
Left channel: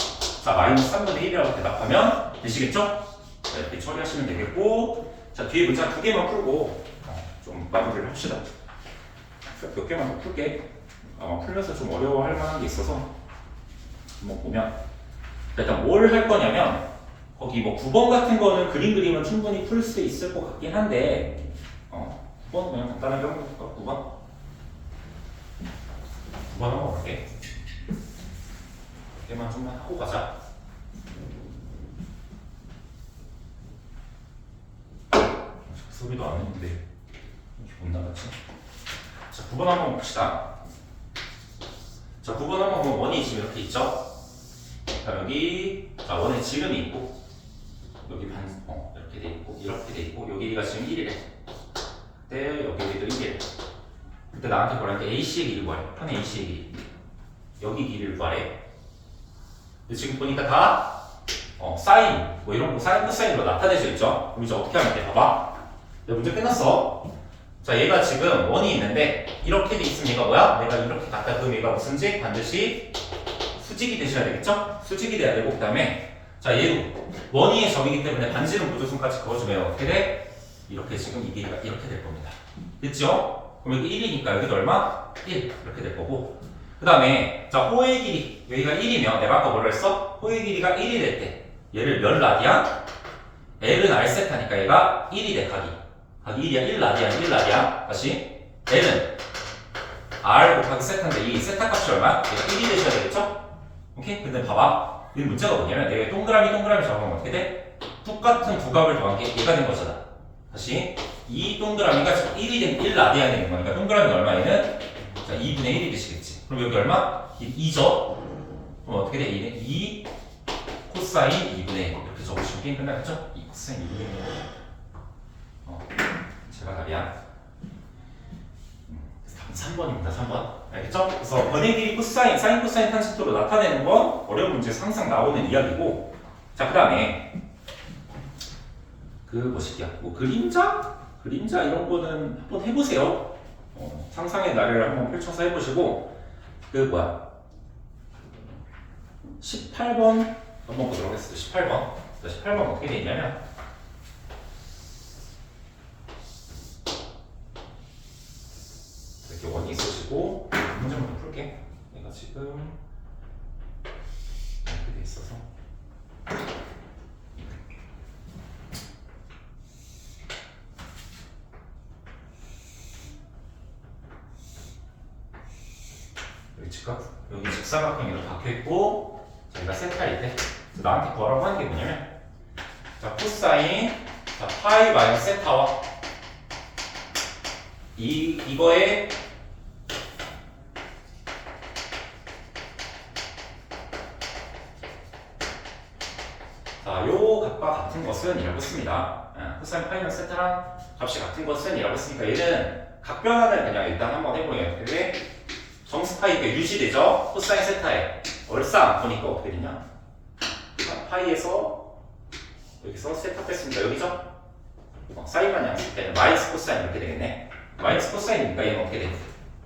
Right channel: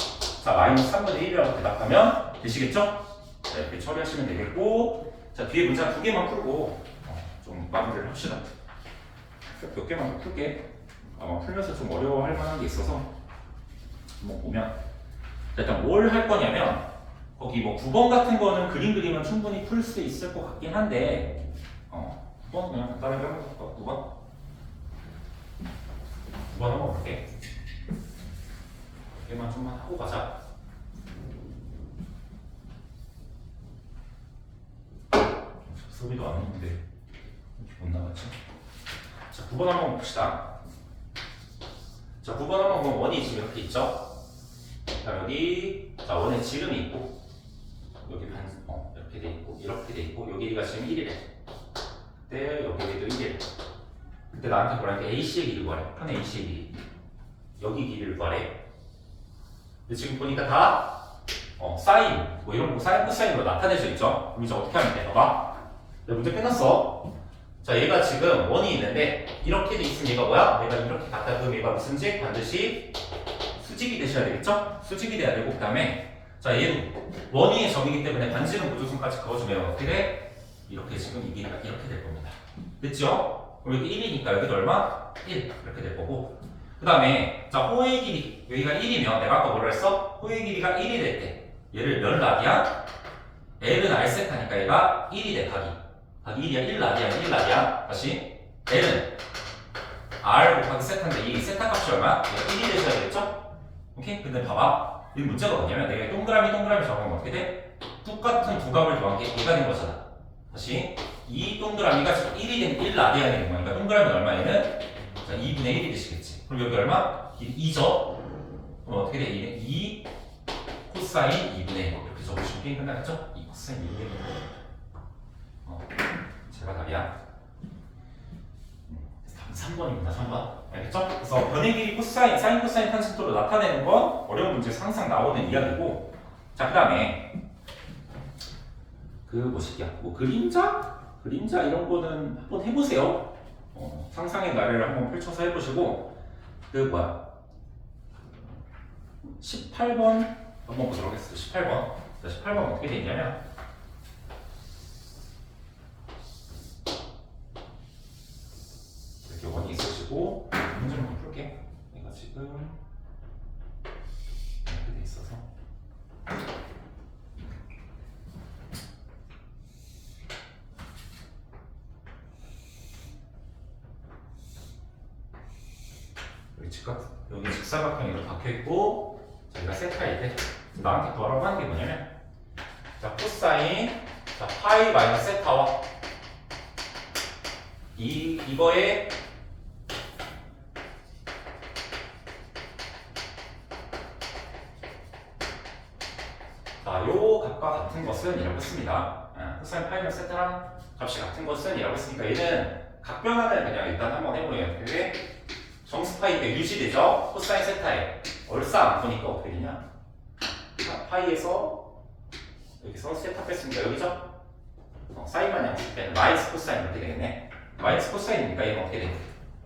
자 마이너스 3분의 1이라고 대답하면 되시겠죠? 자, 이렇게 처리하시면 되겠고 자 뒤에 문제 한 2개만 풀고 좀 마무리를 합시다. 몇 개만 더 풀게. 아마 풀면서 좀 어려워할 만한 게 있어서 한번 보면 일단 뭘 할 거냐면 거기 뭐 9번 같은 거는 그림 그리면 충분히 풀 수 있을 것 같긴 한데 9번 그냥 간단하게 한번 볼까? 9번 한번 볼게. 얘만 좀만 하고 가자. 소리도 안 했는데 이렇게 못 나가지? 자 9번 한번 봅시다. 자 9번 한번 보면 원이 지금 이렇게 있죠? 자 여기 자 원의 지름이 있고 여기 이렇게 돼 있고 이렇게 돼 있고 요 길이가 지금 1이래. 그때 여기 길이도 1이래. 그때 나한테 뭐라는데 AC의 길이 구하래. 편 AC의 길이. 여기 길이를 구하래. 근데 지금 보니까 다 사인 뭐 이런 거 사인 코사인으로 나타내져 있죠. 그럼 이제 어떻게 하면 돼? 봐봐. 야 문제 끝났어. 자 얘가 지금 원이 있는데 이렇게 돼 있으면 얘가 뭐야? 내가 이렇게 갔다 그럼 얘가 무슨지? 반드시 수직이 되셔야 되겠죠? 수직이 돼야 되고 그 다음에 자 얘도 원위의 점이기 때문에 반지름 무조건까지 그어주면 어떻게 돼? 이렇게 지금 이 길이가 이렇게 될 겁니다. 됐죠? 그럼 여기 1이니까 여기도 얼마? 1 이렇게 될 거고 그 다음에 자 호의 길이 여기가 1이면 내가 아까 뭐라 했어? 호의 길이가 1이 될 때 얘를 몇 라디안? L은 R세타니까 얘가 1이 돼 각이 1이야 1라디안 다시 L은 R 곱하기 세타인데 이 세타 값이 얼마야? 1이 되셔야 되겠죠? 오케이? 근데 봐봐 이 문제가 뭐냐면 내가 동그라미 잡으면 어떻게 돼? 똑같은 두 값을 더한 게 얘가 된 거잖아. 다시 이 동그라미가 지금 1이 된 1 라디안이 되는 거니까 동그라미가 얼마 얘는? 자, 2분의 1이 되시겠지. 그럼 여기 얼마? 2죠? 그럼 어떻게 돼? 2 코사인 2분의 1 이렇게 적으시면 게임 끝나겠죠? 2 코사인 2분의 1 제가 답이야. 3번입니다. 3번. 알겠죠? 그래서 변의 길이 코사인, 사인, 코사인 탄젠트로 나타내는 건 어려운 문제에서 항상 나오는 이야기고, 자, 그 다음에 그 뭐시기야? 뭐 그림자? 그림자 이런 거는 한번 해보세요. 상상의 나래를 한번 펼쳐서 해보시고, 그 뭐야? 18번 한번 보도록 하겠습니다. 18번. 18번 어떻게 돼 있냐면, 이렇게 원이 있으시고 문제를 좀 풀게. 내가 지금 이렇게 돼 있어서 여기 직사각형으로 박혀 있고 저희가 세타일 때 나한테 구하라고 하는 게 뭐냐면, 자 코사인 자 파이 마이너스 세타와 이거에 자, 요 값과 같은 것은 이라고 했습니다. 코사인 파이는 세타랑 값이 같은 것은 이라고 했으니까 얘는 각변환을 그냥 일단 한번 해보려요. 그게 정수 파이가 유지되죠? 코사인 세타에 얼싸 안 보니까 어떻게 되냐? 파이에서 여기서 세타 뺐으니까 여기죠? 사인만 양식 때는 마이너스 코사인 이렇게 되겠네. 마이너스 코사인이니까 얘는 어떻게 돼?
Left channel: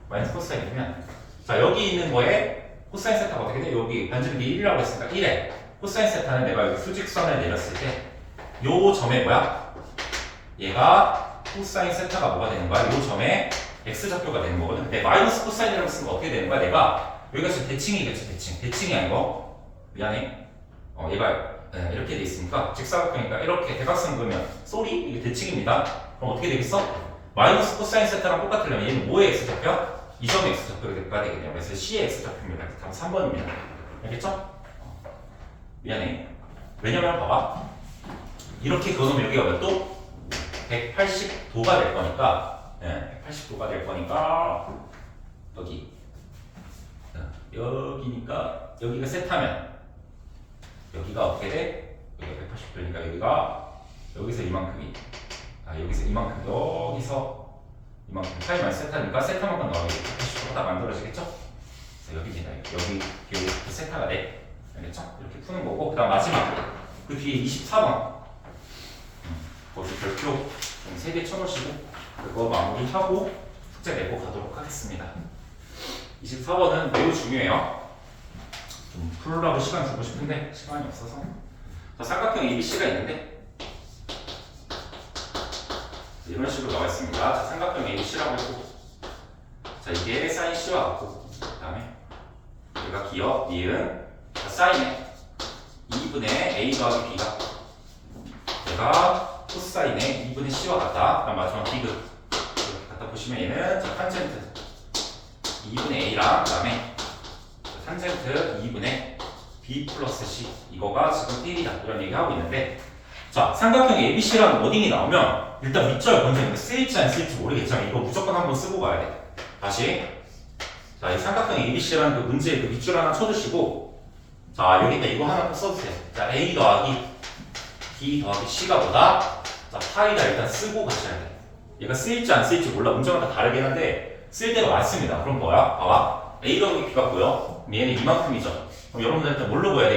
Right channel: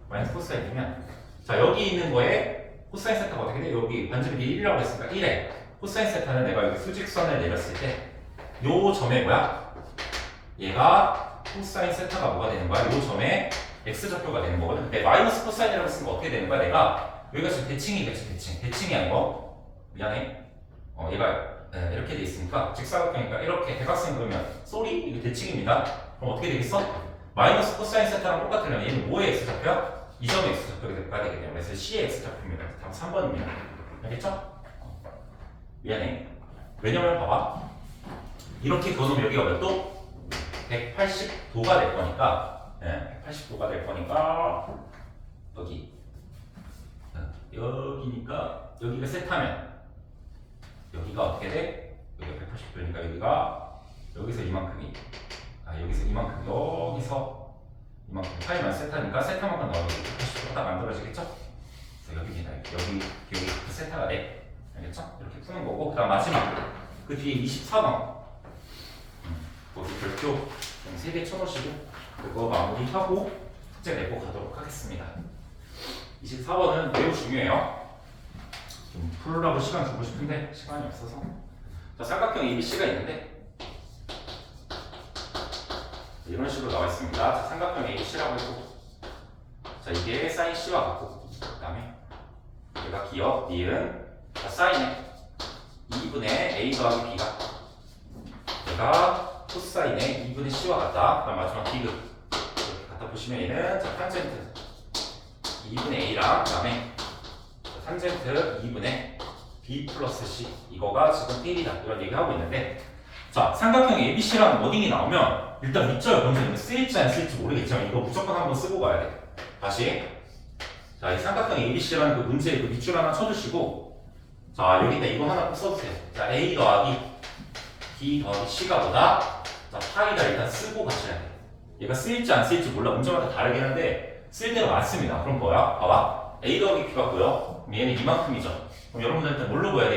마이너스 코사인이면 자 여기 있는 거에 코사인 세타가 어떻게 돼? 여기 반지름이 1이라고 했으니까 1에 코사인 세타는 내가 여기 수직선을 내렸을 때 요 점에 뭐야? 얘가 코사인 세타가 뭐가 되는 거야? 요 점에 x좌표가 되는 거거든. 근데 마이너스 코사인이라고 쓰면 어떻게 되는 거야? 내가 여기가 지금 대칭이겠지. 대칭이 아니고 미안해. 얘가 이렇게 돼 있으니까 직사각형이니까 이렇게 대각선 그으면 쏘리 이게 대칭입니다. 그럼 어떻게 되겠어? 마이너스 코사인 세타랑 똑같으려면 얘는 뭐의 x좌표? 이 점의 x좌표가 되겠네요. 그래서 C의 x좌표입니다. 다음 3번입니다. 알겠죠? 미안해. 왜냐면 봐봐. 이렇게 그어놓으면 여기가 몇 도? 180도가 될 거니까 180도가 될 거니까 여기니까 여기가 세타면 여기가 어떻게 돼? 여기가 180도니까 여기서 이만큼이 여기서 이만큼 여기서 이만큼 파이만 세타니까 세타만큼 나오게 180도가 딱 만들어지겠죠? 여기 되나 여기 세타가 돼. 알겠죠? 이렇게 푸는 거고, 그 다음 마지막 그 뒤에 24번 거기 별표 3개 쳐놓으시고 그거 마무리하고 숙제 내고 가도록 하겠습니다. 24번은 매우 중요해요. 좀 풀으라고 시간 주고 싶은데 시간이 없어서. 자, 삼각형 ABC가 있는데 이런 식으로 나와 있습니다. 자, 삼각형 ABC라고 했고, 자 이게 사인 C와 같고, 그 다음에 얘가 기억, 니은, 자 사인에 2분의 A 더하기 B가 얘가 코사인의 2분의 C와 같다. 그럼 마지막 B급 이렇게 갖다 보시면 얘는 자 탄젠트 2분의 A랑 그 다음에 탄젠트 2분의 B 플러스 C 이거가 지금 1이다 이런 얘기하고 있는데, 자 삼각형 ABC라는 워딩이 나오면 일단 밑줄 먼저 쓰일지 안 쓰일지 모르겠지만 이거 무조건 한번 쓰고 가야 돼. 다시 자 이 삼각형 ABC라는 그 문제에 그 밑줄 하나 쳐주시고, 자 여기다 이거 하나 또 써주세요. 자 A 더하기 B 더하기 C가 뭐다? 자 파이다 일단 쓰고 가셔야 돼. 얘가 쓰일지 안 쓰일지 몰라. 문제마다 다르긴 한데 쓸 때가 많습니다. 그럼 뭐야? 봐봐. A 더하기 B 같고요. 얘는 이만큼이죠. 그럼 여러분들 일단 뭘로 보야 돼?